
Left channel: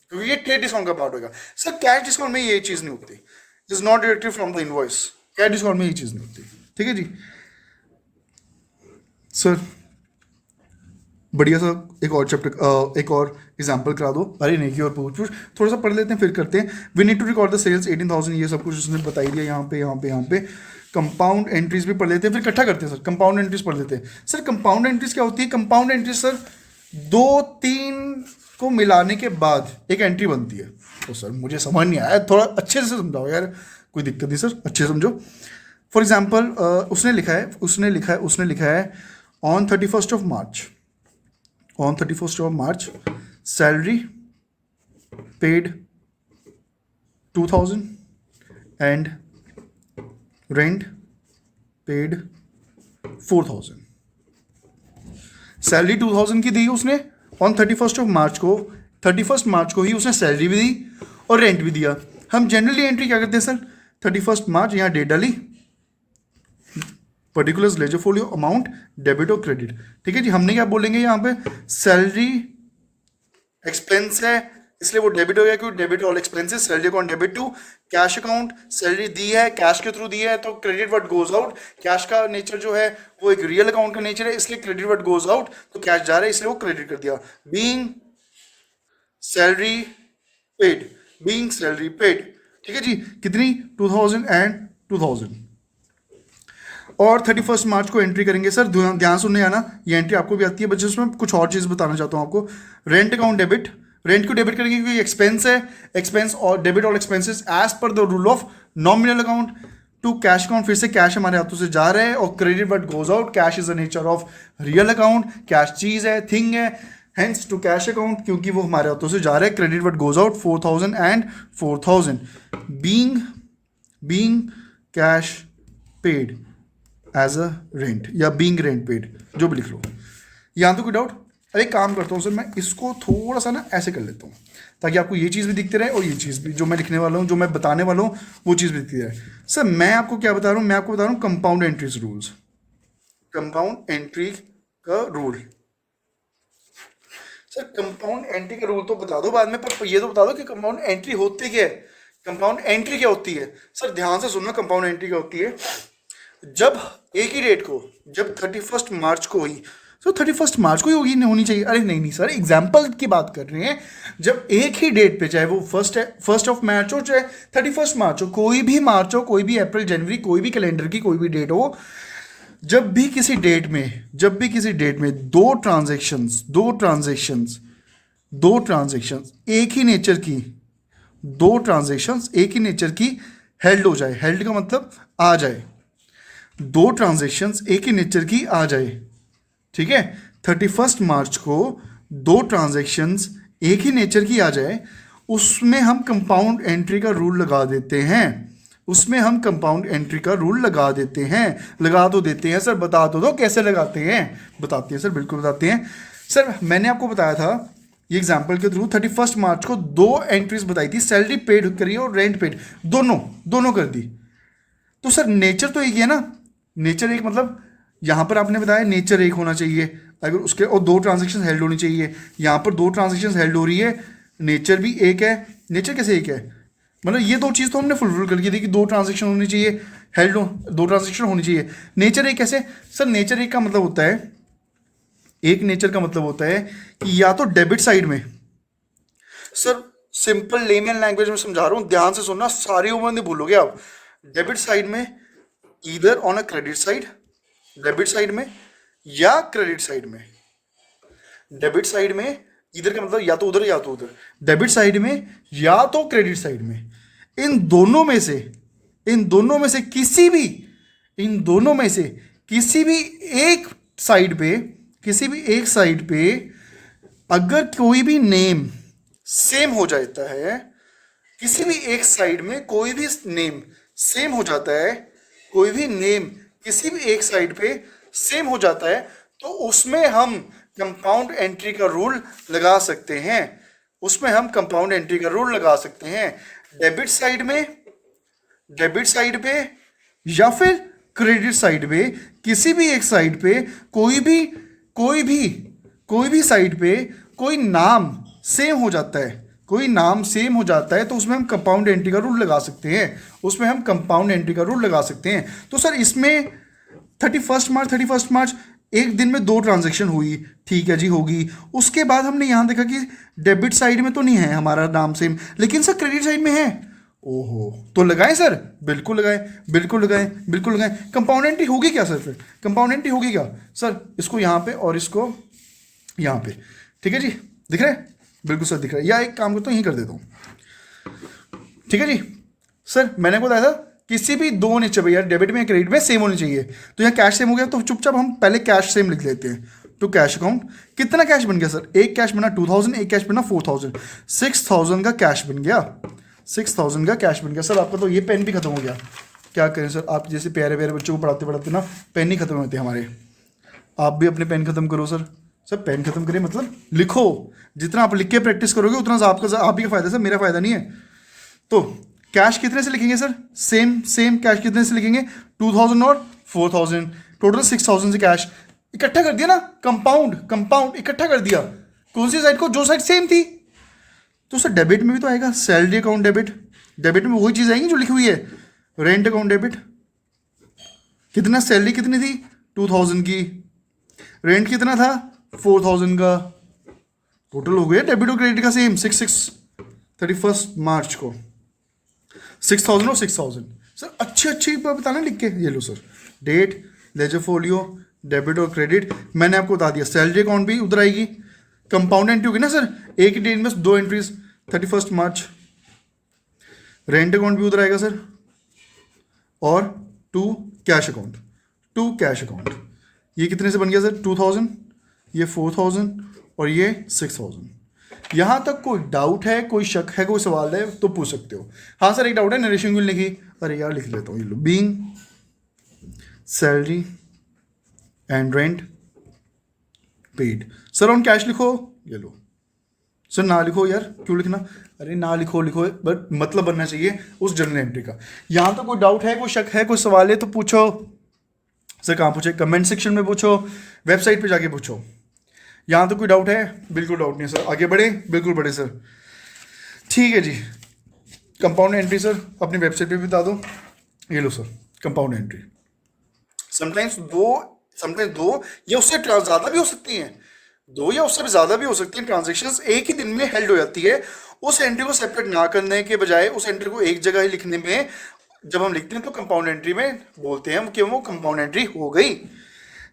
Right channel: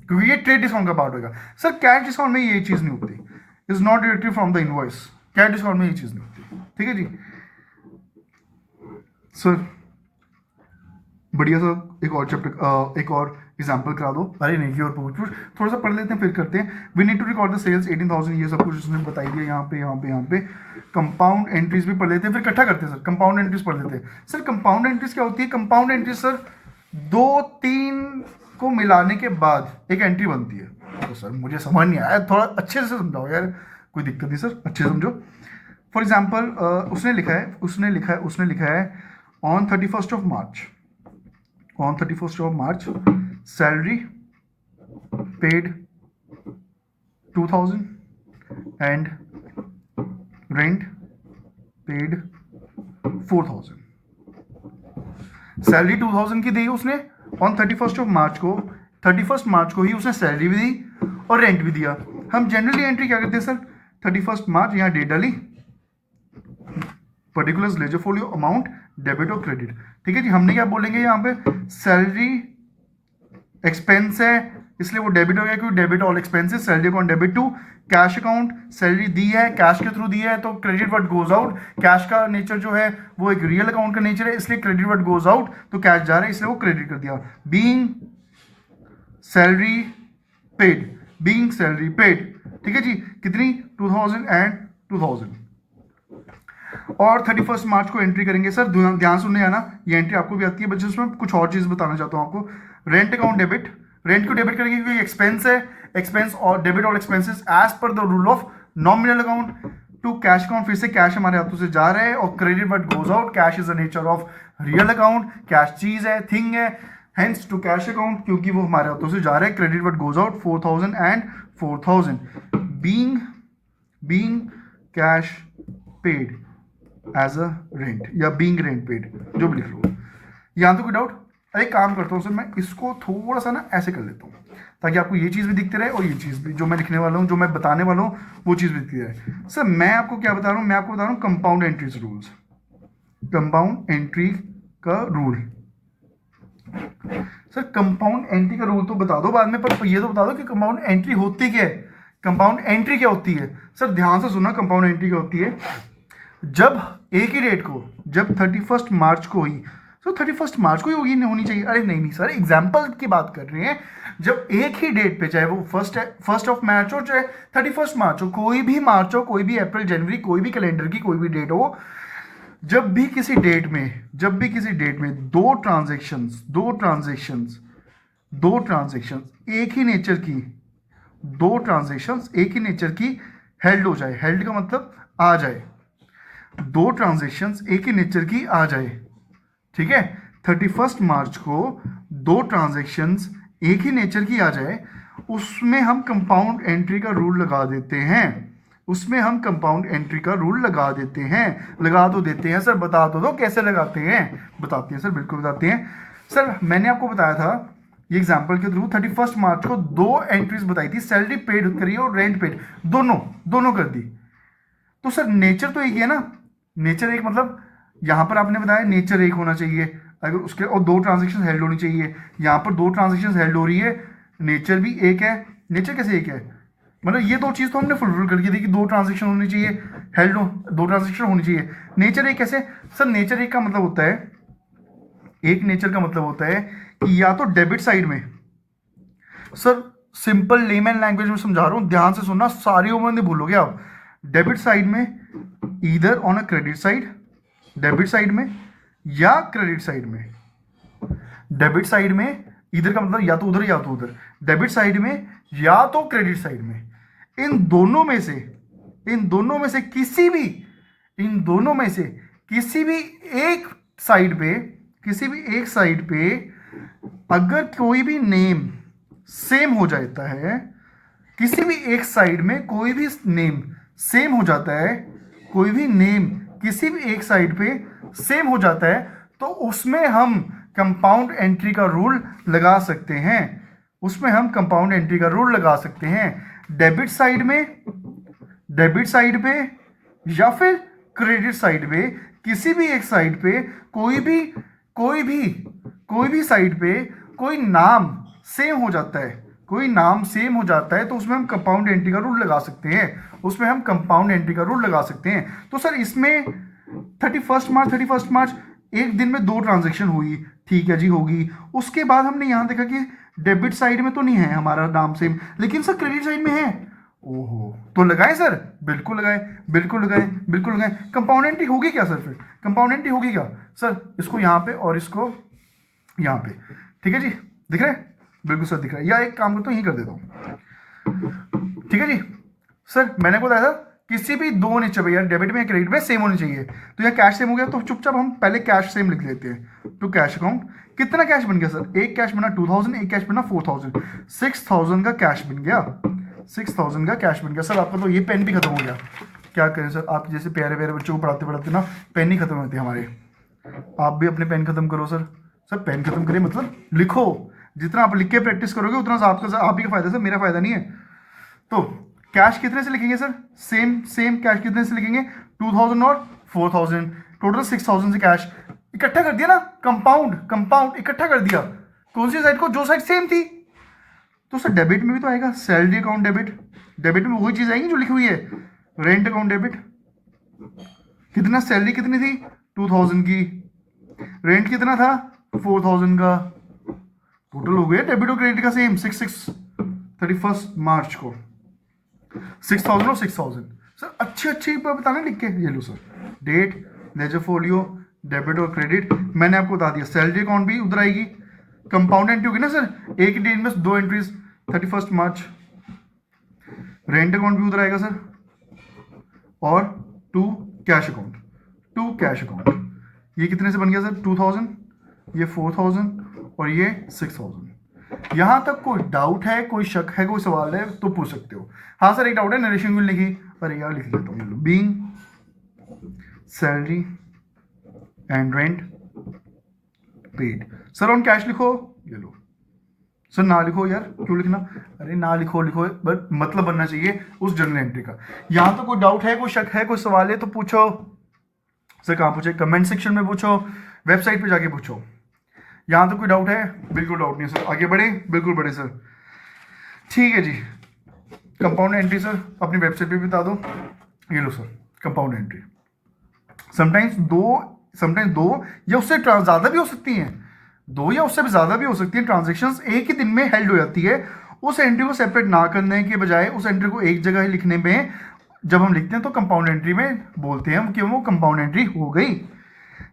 क्योंकि ये ट्रेड डिस्काउंट का पार्ट होगा। सर कैश डिस्काउंट में ये चीज़ नहीं होती, is not deducted from the invoice, cash discount में ये चीज़ नहीं होती। ठीक है जी सर, बढ़िया सर। एक और चैप्टर, एक और एग्जाम्पल करा दो। अरे नहीं की और पूछ थोड़ा सा पढ़ लेते हैं फिर करते हैं। We need to record the sales 18,000, ये सब कुछ उसने बता दिया यहाँ पे, यहाँ पे, यहाँ पे। कंपाउंड एंट्रीज भी पढ़ लेते हैं, फिर इकट्ठा करते हैं सर। कंपाउंड एंट्रीज पढ़ लेते हैं सर। कंपाउंड एंट्रीज क्या होती है? कंपाउंड एंट्रीज सर 2-3 को मिलाने के बाद एक एंट्री बनती है। तो सर मुझे समझ नहीं आया, थोड़ा अच्छे से समझाओ यार, कोई दिक्कत नहीं सर, अच्छे से समझो। फॉर एग्जाम्पल उसने लिखा है on 31st of March, on 31st of March, salary paid 2,000 and rent paid 4,000। Salary 2,000 की दी उसने ऑन 31st of March को, 31st March को ही उसने सैलरी भी दी और रेंट भी दिया। हम जनरली एंट्री क्या करते हैं सर? 31st March, यहाँ डेट डाली, particulars ledger folio, amount, debit और क्रेडिट। ठीक है जी, हमने क्या बोलेंगे यहाँ पे? सैलरी एक्सपेंस है इसलिए वो डेबिट हो गया, क्योंकि debit all expenses, salary account debit to cash account, salary दी है कैश के थ्रू दी है तो credit what goes out. Cash का नेचर जो है वो एक रियल अकाउंट का नेचर है, इसलिए क्रेडिट व्हाट गोज आउट, तो कैश जा रहा है इसलिए वो क्रेडिट कर दिया। Being salary paid, being salary paid. ठीक है जी, कितनी? 2,000 एंड 2,000। और 31st मार्च को एंट्री करेंगे सर। ध्यान सुनने आना, ये एंट्री आपको भी आती है बच्चे, उसमें कुछ और चीज़ बताना चाहता हूँ आपको। रेंट अकाउंट डेबिट, रेंट को डेबिट करेंगे क्योंकि एक्सपेंस है, एक्सपेंस और डेबिट और expenses as per the rule of nominal account to cash account, फिर से कैश हमारे हाथों से जा रहे हैं, और credit what goes out, cash is the nature of real account, cash चीज़ है, थिंग है, हेंस टू कैश अकाउंट क्योंकि वो हमारे हाथों से जा रहा है, credit what goes out 4,000 and 4,000। Being cash paid as a rent या बीइंग रेंट पेड, जो भी लिख लो। यहाँ तो कोई डाउट? अरे काम करता हूँ सर, मैं इसको थोड़ा सा ना ऐसे कर लेता हूँ ताकि आपको ये चीज़ भी दिखती रहे और ये चीज़ भी, जो मैं लिखने वाला हूँ, जो मैं बताने वाला हूँ, वो चीज़ भी दिखती रहे। सर मैं आपको क्या बता रहा हूँ? मैं आपको बता रहा हूँ compound entries rules, compound entry का रूल। सर कंपाउंड एंट्री का रूल तो बता दो बाद में, पर ये तो बता दो कि कंपाउंड एंट्री होती क्या है। कंपाउंड एंट्री क्या होती है? सर ध्यान से सुनना, कंपाउंड एंट्री क्या होती है? जब एक ही डेट को, जब 31st मार्च को ही, तो 31st मार्च को ही होनी चाहिए। अरे नहीं नहीं सर, एग्जाम्पल की बात कर रहे हैं। जब एक ही डेट पे, चाहे वो फर्स्ट ऑफ मार्च हो, चाहे 31st मार्च हो, कोई भी मार्च हो, कोई भी अप्रैल, जनवरी, कोई भी कैलेंडर की कोई भी डेट हो, जब भी किसी डेट में दो ट्रांजेक्शंस एक ही नेचर की हेल्ड हो जाए, हेल्ड का मतलब आ जाए, दो ट्रांजेक्शंस एक ही नेचर की आ जाए। ठीक है, 31st मार्च को दो ट्रांजेक्शंस एक ही नेचर की आ जाए, उसमें हम कंपाउंड एंट्री का रूल लगा देते हैं। उसमें हम कंपाउंड एंट्री का रूल लगा देते हैं। लगा तो देते हैं सर, बता तो दो कैसे लगाते हैं। बताते हैं सर, बिल्कुल बताते हैं सर। मैंने आपको बताया था ये एग्जाम्पल के थ्रू 31 मार्च को दो एंट्रीज बताई थी, सैलरी पेड करी और रेंट पेड, दोनों दोनों कर दी। तो सर नेचर तो एक ही है ना, नेचर एक मतलब यहाँ पर आपने बताया नेचर एक होना चाहिए, अगर उसके और दो ट्रांजेक्शन हेल्ड होनी चाहिए। यहाँ पर दो ट्रांजेक्शन हेल्ड हो रही है, नेचर भी एक है। नेचर कैसे एक है, मतलब ये दो चीज़ तो हमने फुलफिल करके दी कि दो ट्रांजेक्शन होनी चाहिए, हेल्ड हो, दो ट्रांजेक्शन होनी चाहिए। नेचर एक कैसे सर, नेचर एक का मतलब होता है, एक नेचर का मतलब होता है कि या तो डेबिट साइड में, सर सिंपल लेमैन लैंग्वेज में समझा रहा हूँ, ध्यान से सुनना, सारी उम्र नहीं भूलोगे आप। डेबिट साइड में either on a credit side, debit side में या क्रेडिट साइड में। डेबिट साइड में इधर का मतलब या तो उधर या तो उधर, डेबिट साइड में या तो क्रेडिट साइड में। इन दोनों में से, इन दोनों में से किसी भी, इन दोनों में से किसी भी एक साइड पे, किसी भी एक साइड पे अगर कोई भी नेम सेम हो जाता है, किसी भी एक साइड में कोई भी नेम सेम हो जाता है, कोई भी नेम किसी भी एक साइड पे सेम हो जाता है, तो उसमें हम कंपाउंड एंट्री का रूल लगा सकते हैं। उसमें हम कंपाउंड एंट्री का रूल लगा सकते हैं। डेबिट साइड में, डेबिट साइड पे या फिर क्रेडिट साइड पे, किसी भी एक साइड पे कोई भी कोई भी कोई भी साइड पे कोई नाम सेम हो जाता है, कोई नाम सेम हो जाता है, तो उसमें हम कंपाउंड एंट्री का रूल लगा सकते हैं। उसमें हम कंपाउंड एंट्री का रूल लगा सकते हैं। तो सर इसमें 31 मार्च एक दिन में दो ट्रांजैक्शन हुई, ठीक है जी, होगी। उसके बाद हमने यहाँ देखा कि डेबिट साइड में तो नहीं है हमारा नाम सेम, लेकिन सर क्रेडिट साइड में है। ओहो, तो लगाएं सर, बिल्कुल लगाएं, बिल्कुल लगाएं, बिल्कुल लगाएं। कंपाउंड एंट्री होगी क्या सर, फिर कंपाउंड एंट्री होगी क्या सर, इसको यहाँ पे और इसको यहाँ पे, ठीक है जी, दिख रहा है, बिल्कुल सर दिख रहा है। या एक काम करता हूँ, यहीं कर देता हूँ, ठीक है जी। सर मैंने को बताया था किसी भी दो नेचर पे, यार डेबिट में क्रेडिट में सेम होनी चाहिए। तो यहाँ कैश सेम हो गया, तो चुपचाप हम पहले कैश सेम लिख लेते हैं। तो कैश अकाउंट, कितना कैश बन गया सर, एक कैश बना 2000, एक कैश बना 4000, 6000 का कैश बन गया, 6000 का कैश बन गया। सर आपका तो ये पेन भी खत्म हो गया, क्या करें सर, आप जैसे प्यारे प्यारे बच्चों को पढ़ाते पढ़ाते ना पेन ही खत्म होते हैं हमारे। आप भी अपने पेन खत्म करो सर। सर पेन खत्म करें मतलब लिखो, जितना आप लिख के प्रैक्टिस करोगे उतना आपका, आप ही का फायदा सर, मेरा फायदा नहीं है। तो कैश कितने से लिखेंगे सर, सेम सेम कैश कितने से लिखेंगे, 2000 और 4000, टोटल 6000 से कैश इकट्ठा कर दिया ना, कंपाउंड कंपाउंड इकट्ठा कर दिया। कौन सी साइड को, जो साइड सेम थी। तो सर डेबिट में भी तो आएगा सैलरी अकाउंट डेबिट, डेबिट में वही चीज आएगी जो लिखी हुई है, रेंट अकाउंट डेबिट। कितना, सैलरी कितनी थी 2000 की, रेंट कितना था 4000 का, टोटल हो गया डेबिट और क्रेडिट का सेम। 31 मार्च को 6000 और 6000। सर अच्छी अच्छी बताना लिख के, ये लो sir, date, ledger folio, debit और क्रेडिट मैंने आपको बता दिया। सैलरी अकाउंट भी उधर आएगी, कंपाउंड एंट्री होगी ना सर, एक ही डेट में दो एंट्रीज, 31 मार्च। रेंट अकाउंट भी उधर आएगा सर, और to cash account, to cash account. ये कितने से बन गया सर, 2000, ये 4000 और ये 6000। यहां तक कोई डाउट है, कोई शक है, कोई सवाल है तो पूछ सकते हो। हाँ सर एक डाउट है, नरेशन क्यों लिखी, अरे यार लिख लेता हूँ, ये लो, being salary and rent paid. Sir on cash लिखो, ये लो। सर ना लिखो यार, क्यों लिखना, अरे ना लिखो, लिखो बट मतलब बनना चाहिए उस जर्नल एंट्री का। यहां तो कोई डाउट है, कोई शक है, कोई सवाल है तो पूछो। सर कहाँ पूछे, कमेंट सेक्शन में पूछो, वेबसाइट पे जाके पूछो। यहाँ तो कोई डाउट है, बिल्कुल डाउट नहीं है सर, आगे बढ़े, बिल्कुल बढ़े सर, ठीक है जी। कंपाउंड एंट्री सर अपनी वेबसाइट पे भी बता दो, ये लो सर कंपाउंड एंट्री। समटाइम्स दो या उससे ज़्यादा भी हो सकती हैं, दो या उससे भी ज़्यादा भी हो सकती हैं ट्रांजेक्शन्स एक ही दिन में हेल्ड हो जाती है। उस एंट्री को सेपरेट ना करने के बजाय उस एंट्री को एक जगह ही लिखने में जब हम लिखते हैं तो कंपाउंड एंट्री में बोलते हैं हम कि वो कंपाउंड एंट्री हो गई।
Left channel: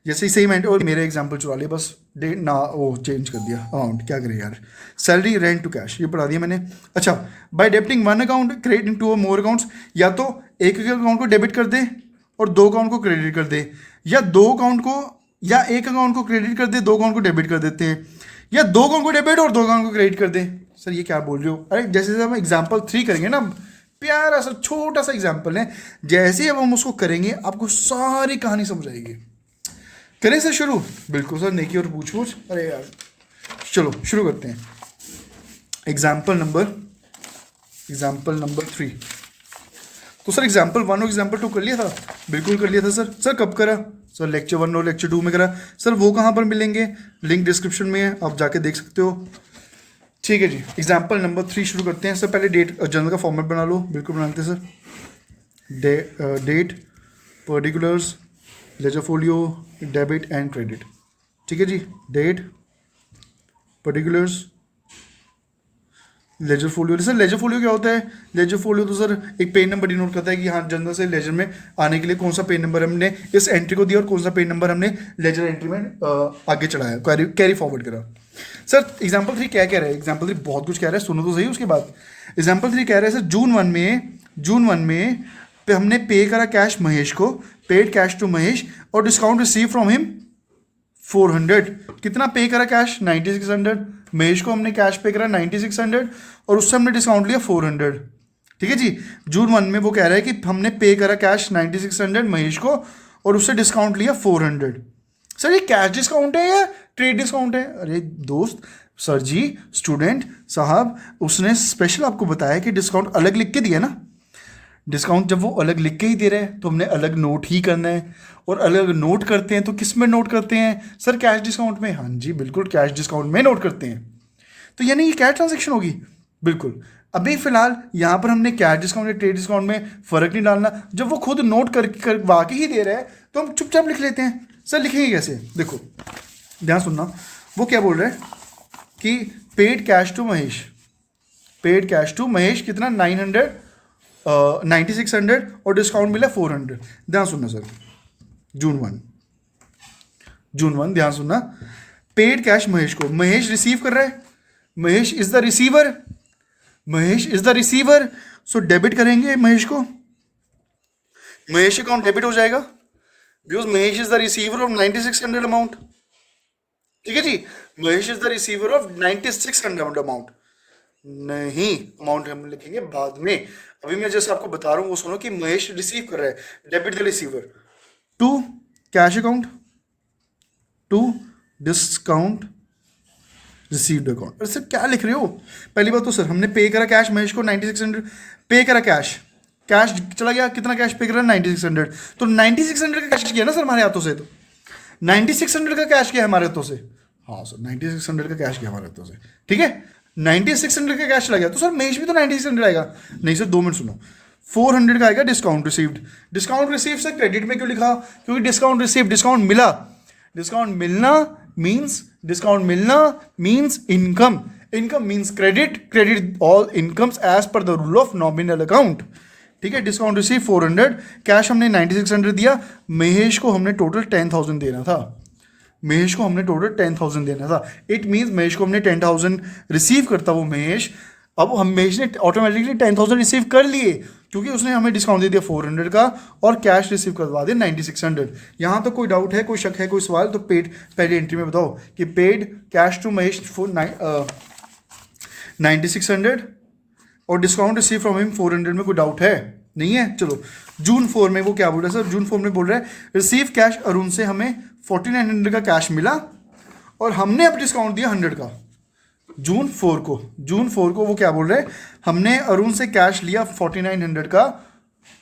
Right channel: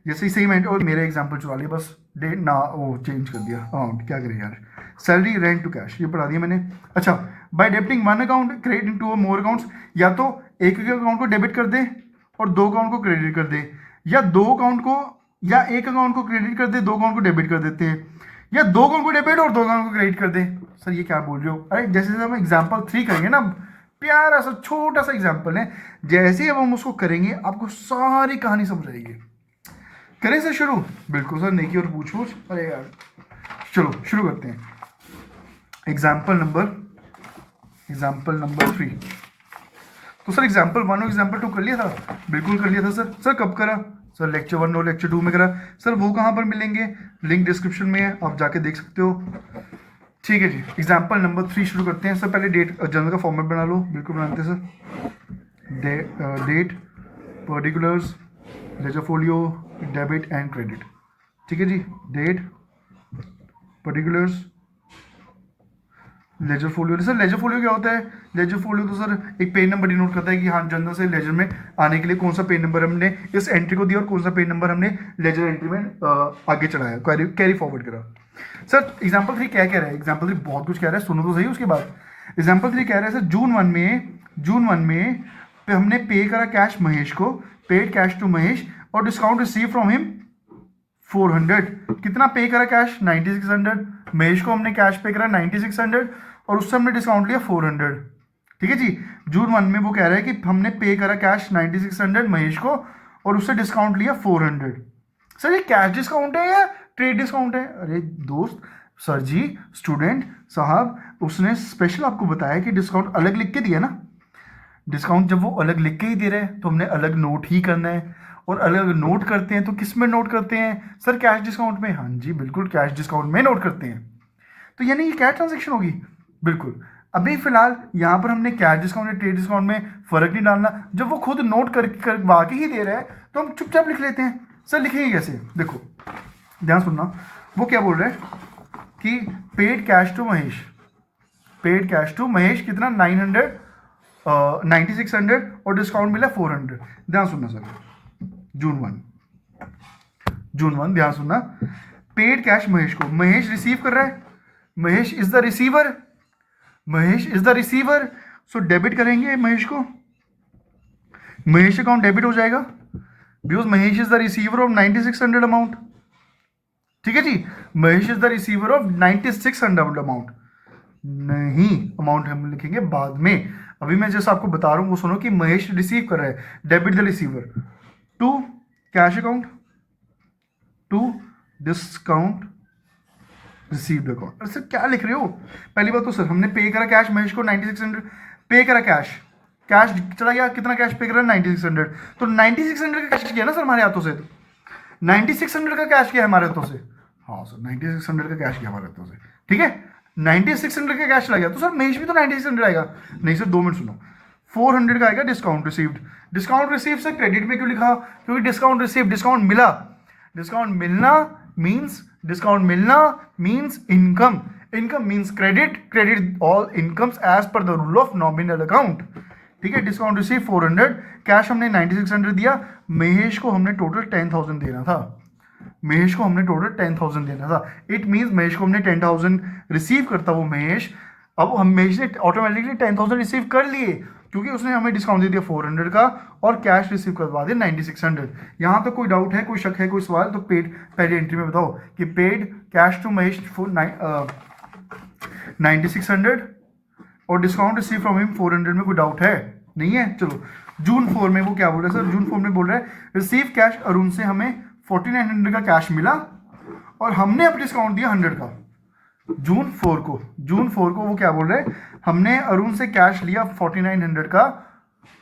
जैसे सेम एंट्री, और मेरे एग्जांपल चुरा लिया बस, डेट ना वो चेंज कर दिया अमाउंट, क्या करें यार। सैलरी, रेंट टू कैश, ये पढ़ा दिया मैंने। अच्छा, by debiting one account credit in two more accounts, या तो एक अकाउंट को डेबिट कर दे और दो अकाउंट को क्रेडिट कर दे, या दो अकाउंट को, या एक अकाउंट को क्रेडिट कर दे, दो अकाउंट को डेबिट कर देते हैं, या दो अकाउंट को डेबिट और दो अकाउंट को क्रेडिट कर दे। सर ये क्या बोल रहे हो, अरे जैसे हम एग्जाम्पल 3 करेंगे ना, प्यारा सा छोटा सा एग्जाम्पल है, जैसे ही अब हम उसको करेंगे आपको सारी कहानी समझ आएगी। करें सर शुरू? बिल्कुल सर, नेकी और पूछ पूछ, अरे यार चलो शुरू करते हैं। Example number 3। तो सर एग्जाम्पल 1 और एग्जाम्पल 2 कर लिया था? बिल्कुल कर लिया था सर। सर कब करा सर? लेक्चर 1 और लेक्चर 2 में करा सर। वो कहाँ पर मिलेंगे? लिंक डिस्क्रिप्शन में है, आप जाके देख सकते हो। ठीक है जी, एग्जाम्पल नंबर 3 शुरू करते हैं सर। पहले डेट जर्नल का फॉर्मेट बना लो। बिल्कुल बनाते हैं sir. Date, particulars, ledger folio, debit and credit. ठीक है जी, date, particulars, ledger folio. Sir ledger folio क्या होता है? लेजर फोलियो तो सर एक पेन नंबर डिनोट करता है कि हाँ जनरल से लेजर में आने के लिए कौन सा पेन नंबर हमने इस एंट्री को दिया और कौन सा पेन नंबर हमने लेजर एंट्री में आगे चढ़ाया, कैरी फॉरवर्ड करा। सर एग्जाम्पल 3 क्या कह रहा है? एग्जाम्पल 3 बहुत कुछ कह रहा है, सुनो तो सही उसके बाद। एग्जाम्पल 3 कह रहा है सर, जून वन में हमने पे करा कैश महेश को, पेड कैश टू महेश, और डिस्काउंट रिसीव फ्रॉम हिम 400। कितना पे करा कैश? 9600। महेश को हमने कैश पे करा 9600 और उससे हमने डिस्काउंट लिया 400। ठीक है जी, जून 1 में वो कह रहा है कि हमने पे करा कैश 9600 महेश को और उससे डिस्काउंट लिया 400। सर ये कैश डिस्काउंट है या ट्रेड डिस्काउंट है? अरे दोस्त, सर जी, स्टूडेंट साहब, उसने स्पेशल आपको बताया कि डिस्काउंट अलग लिख के दिया ना। डिस्काउंट जब वो अलग लिख के ही दे रहे हैं तो हमने अलग नोट ही करना है, और अलग नोट करते हैं तो किस में नोट करते हैं सर? कैश डिस्काउंट में। हाँ जी बिल्कुल, कैश डिस्काउंट में नोट करते हैं। तो यानी ये क्या ट्रांजेक्शन होगी? बिल्कुल। अभी फिलहाल यहाँ पर हमने कैश डिस्काउंट या ट्रेड डिस्काउंट में फ़र्क नहीं डालना। जब वो खुद नोट करवा के ही दे रहा है तो हम चुपचाप लिख लेते हैं। सर लिखेंगे कैसे? देखो ध्यान सुनना, वो क्या बोल रहा है कि पेड कैश टू महेश कितना? 9600 और डिस्काउंट मिला 400। ध्यान सुनना सर, जून वन ध्यान सुनना। पेड कैश महेश को, महेश रिसीव कर रहा है, Mahesh is the receiver, so debit करेंगे महेश को। महेश अकाउंट डेबिट हो जाएगा because Mahesh is the receiver of 9600 amount. ठीक है जी, Mahesh is the receiver of 9600 amount. नहीं, अमाउंट हम लिखेंगे बाद में। अभी मैं जैसे आपको बता रहा हूं वो सुनो कि महेश रिसीव कर रहा है, debit the receiver to cash account to discount received account. Sir क्या लिख रहे हो? पहली बात तो सर हमने पे करा कैश महेश को 9600, पे करा कैश चला गया। कितना कैश पे करा? 9600। तो 9600 का कैश किया ना सर हमारे हाथों से, तो 9600 का कैश किया हमारे हाथों से। हाँ सर 9600 का कैश किया हमारे हाथों से। ठीक है, 9600 का कैश लगा तो सर महेश भी तो 9600 आएगा। नहीं सर 2 मिनट सुनो, 400 का आएगा डिस्काउंट रिसीव्ड। डिस्काउंट रिसीव से क्रेडिट में क्यों लिखा? क्योंकि डिस्काउंट रिसीव, डिस्काउंट मिला। डिस्काउंट मिलना means income, income means credit, credit all incomes as per the rule of nominal account. ठीक है, डिस्काउंट रिसीव 400, कैश हमने 9600 दिया, महेश को हमने टोटल 10000 देना था। इट मीन्स महेश को हमने 10000 रिसीव करता वो महेश। अब हम महेश ने ऑटोमेटिकली 10000 रिसीव कर लिए क्योंकि उसने हमें डिस्काउंट दे दिया 400 का और कैश रिसीव करवा दिया 9600। यहाँ तो कोई डाउट है, कोई शक है, कोई सवाल? तो पेड पहले एंट्री में बताओ कि पेड कैश टू महेश 9600 और डिस्काउंट रिसीव फ्रॉम हिम 400 में कोई डाउट है? नहीं है। चलो जून 4 में वो क्या बोल रहा है सर? जून 4 में बोल रहा है रिसीव कैश अरुण से हमें 4900 का कैश मिला और हमने अब डिस्काउंट दिया 100 का। जून 4 को वो क्या बोल रहे हैं? हमने अरुण से कैश लिया 4900 का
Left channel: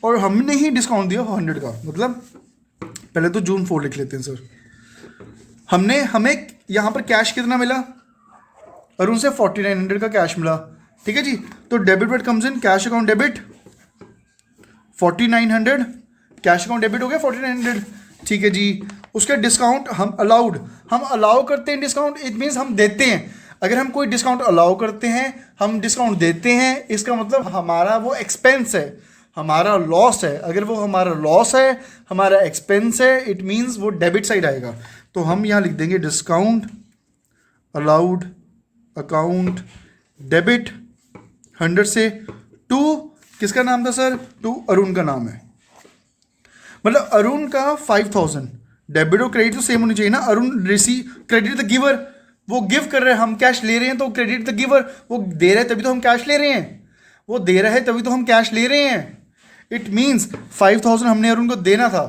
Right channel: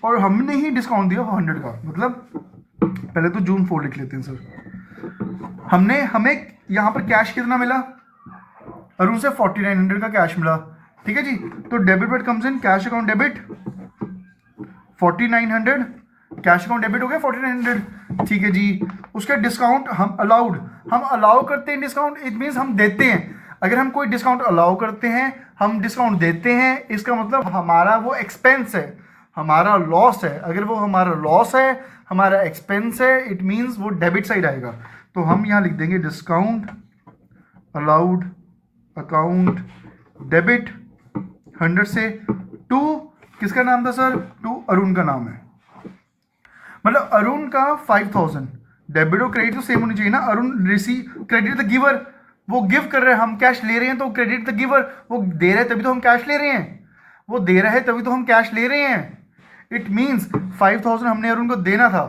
और हमने ही डिस्काउंट दिया 100 का। मतलब पहले तो जून 4 लिख लेते हैं सर। हमें यहां पर कैश कितना मिला? अरुण से 4900 का कैश मिला। ठीक है जी, तो debit word comes in, cash account debit 4900, cash account debit हो गया 4900। ठीक है जी, उसका डिस्काउंट हम अलाउ करते हैं डिस्काउंट, इट मीन्स हम देते हैं। अगर हम कोई डिस्काउंट अलाउ करते हैं, हम डिस्काउंट देते हैं, इसका मतलब हमारा वो एक्सपेंस है, हमारा लॉस है। अगर वो हमारा लॉस है, हमारा एक्सपेंस है, इट मीन्स वो डेबिट साइड आएगा। तो हम यहाँ लिख देंगे डिस्काउंट अलाउड अकाउंट डेबिट 100 से टू, किसका नाम था सर? टू अरुण का नाम है। मतलब अरुण का 5000, डेबिट और क्रेडिट तो सेम होनी चाहिए ना। Arun receive, credit the giver, वो गिव कर रहे हैं, हम कैश ले रहे हैं तो क्रेडिट द गिवर, वो दे रहे हैं तभी तो हम कैश ले रहे हैं। वो दे रहा है तभी तो हम कैश ले रहे हैं। इट मीन्स 5,000 हमने अरुण को देना था,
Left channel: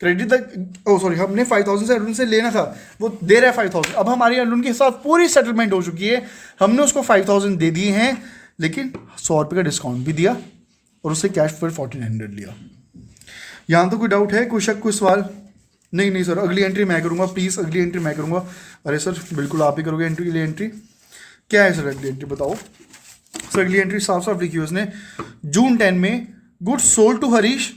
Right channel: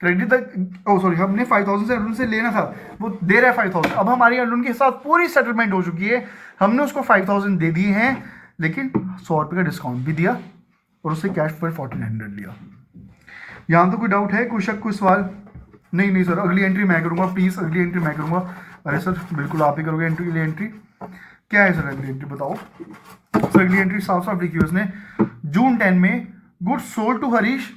क्रेडिट तक, ओ सॉरी, हमने 5,000 से अरुण से लेना था, वो दे रहा है 5,000। अब हमारी अरुण के साथ पूरी सेटलमेंट हो चुकी है, हमने उसको 5,000 दे दिए हैं, लेकिन 100 रुपये का डिस्काउंट भी दिया और उससे कैश फिर 1,400 लिया। यहाँ तो कोई डाउट है, कोई शक, कोई सवाल? नहीं नहीं सर, अगली एंट्री मैं करूँगा, प्लीज़ अगली एंट्री मैं करूँगा। अरे सर बिल्कुल आप ही करोगे एंट्री, अगली एंट्री क्या है सर? अगली एंट्री बताओ सर। अगली एंट्री साफ साफ लिखी है उसने, जून 10 में goods sold to Harish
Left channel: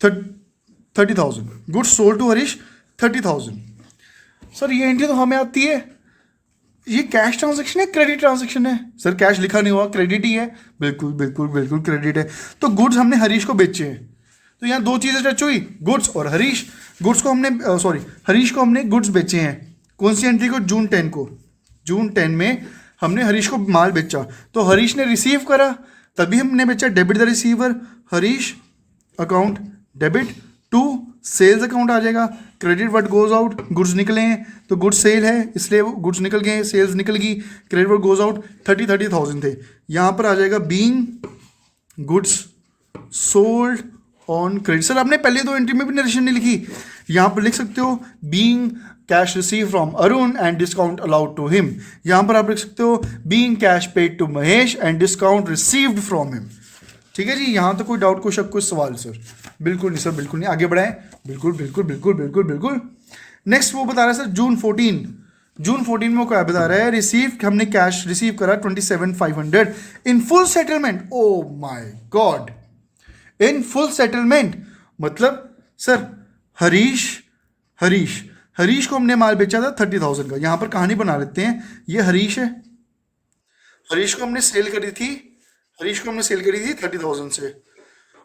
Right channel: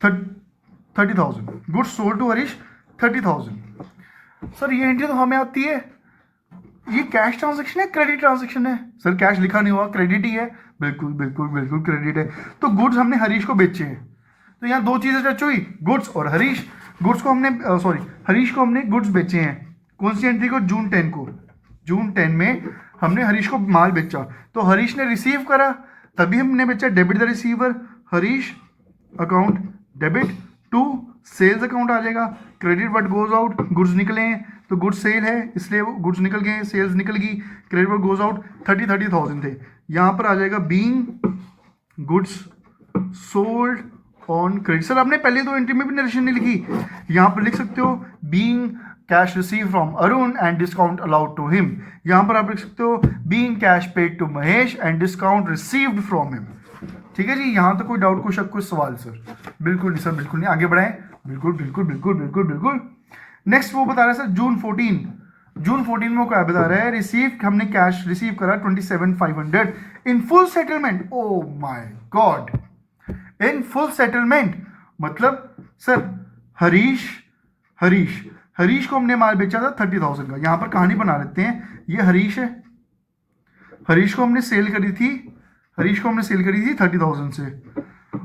30,000, goods sold to Harish 30,000। Sir ये एंट्री तो हमें आती है, ये कैश ट्रांजैक्शन है क्रेडिट ट्रांजैक्शन है? सर कैश लिखा नहीं हुआ, क्रेडिट ही है। बिल्कुल बिल्कुल बिल्कुल क्रेडिट है। तो गुड्स हमने हरीश को बेचे हैं, तो यहाँ दो चीज़ें टच हुई, गुड्स और हरीश। गुड्स को हमने सॉरी हरीश को हमने गुड्स बेचे हैं, कौन सी एंट्री को? जून 10 को। जून 10 में हमने हरीश को माल बेचा, तो हरीश ने रिसीव करा तभी हमने बेचा, debit the receiver, Harish account debit to sales account आ जाएगा, credit what goes out, goods निकले हैं तो गुड्स सेल है इसलिए गुड्स निकल गए, सेल्स निकल गई, क्रेडिट व्हाट गोज आउट 30,000 थे, यहाँ पर आ जाएगा being goods sold on credit. Sir आपने पहले दो एंट्री में भी नरेशन नहीं लिखी, यहाँ पर लिख सकते हो being cash receive from Arun and discount allowed to him, यहाँ पर आप लिख सकते हो being cash paid to Mahesh and discount received from him. ठीक है जी, यहाँ तो कोई डाउट, कोई शक, कोई सवाल? सर बिल्कुल नहीं सर, बिल्कुल नहीं, आगे बढ़ाएं। बिल्कुल बिल्कुल बिल्कुल बिल्कुल बिल्कुल। नेक्स्ट वो बता रहा है सर जून 14, जून 14 में वो क्या बता रहा है? रिसीव, हमने कैश रिसीव करा 27,500 in full settlement. Oh my God, in full settlement मतलब सर हरीश हरीश हरीश को हमने माल बेचा था 30,000 का। यहाँ पर कहानी बना लेते हैं, ये हरीश है, हरीश को हमने सेल करी थी, हरीश को हमने सेल करी थी 30,000 से,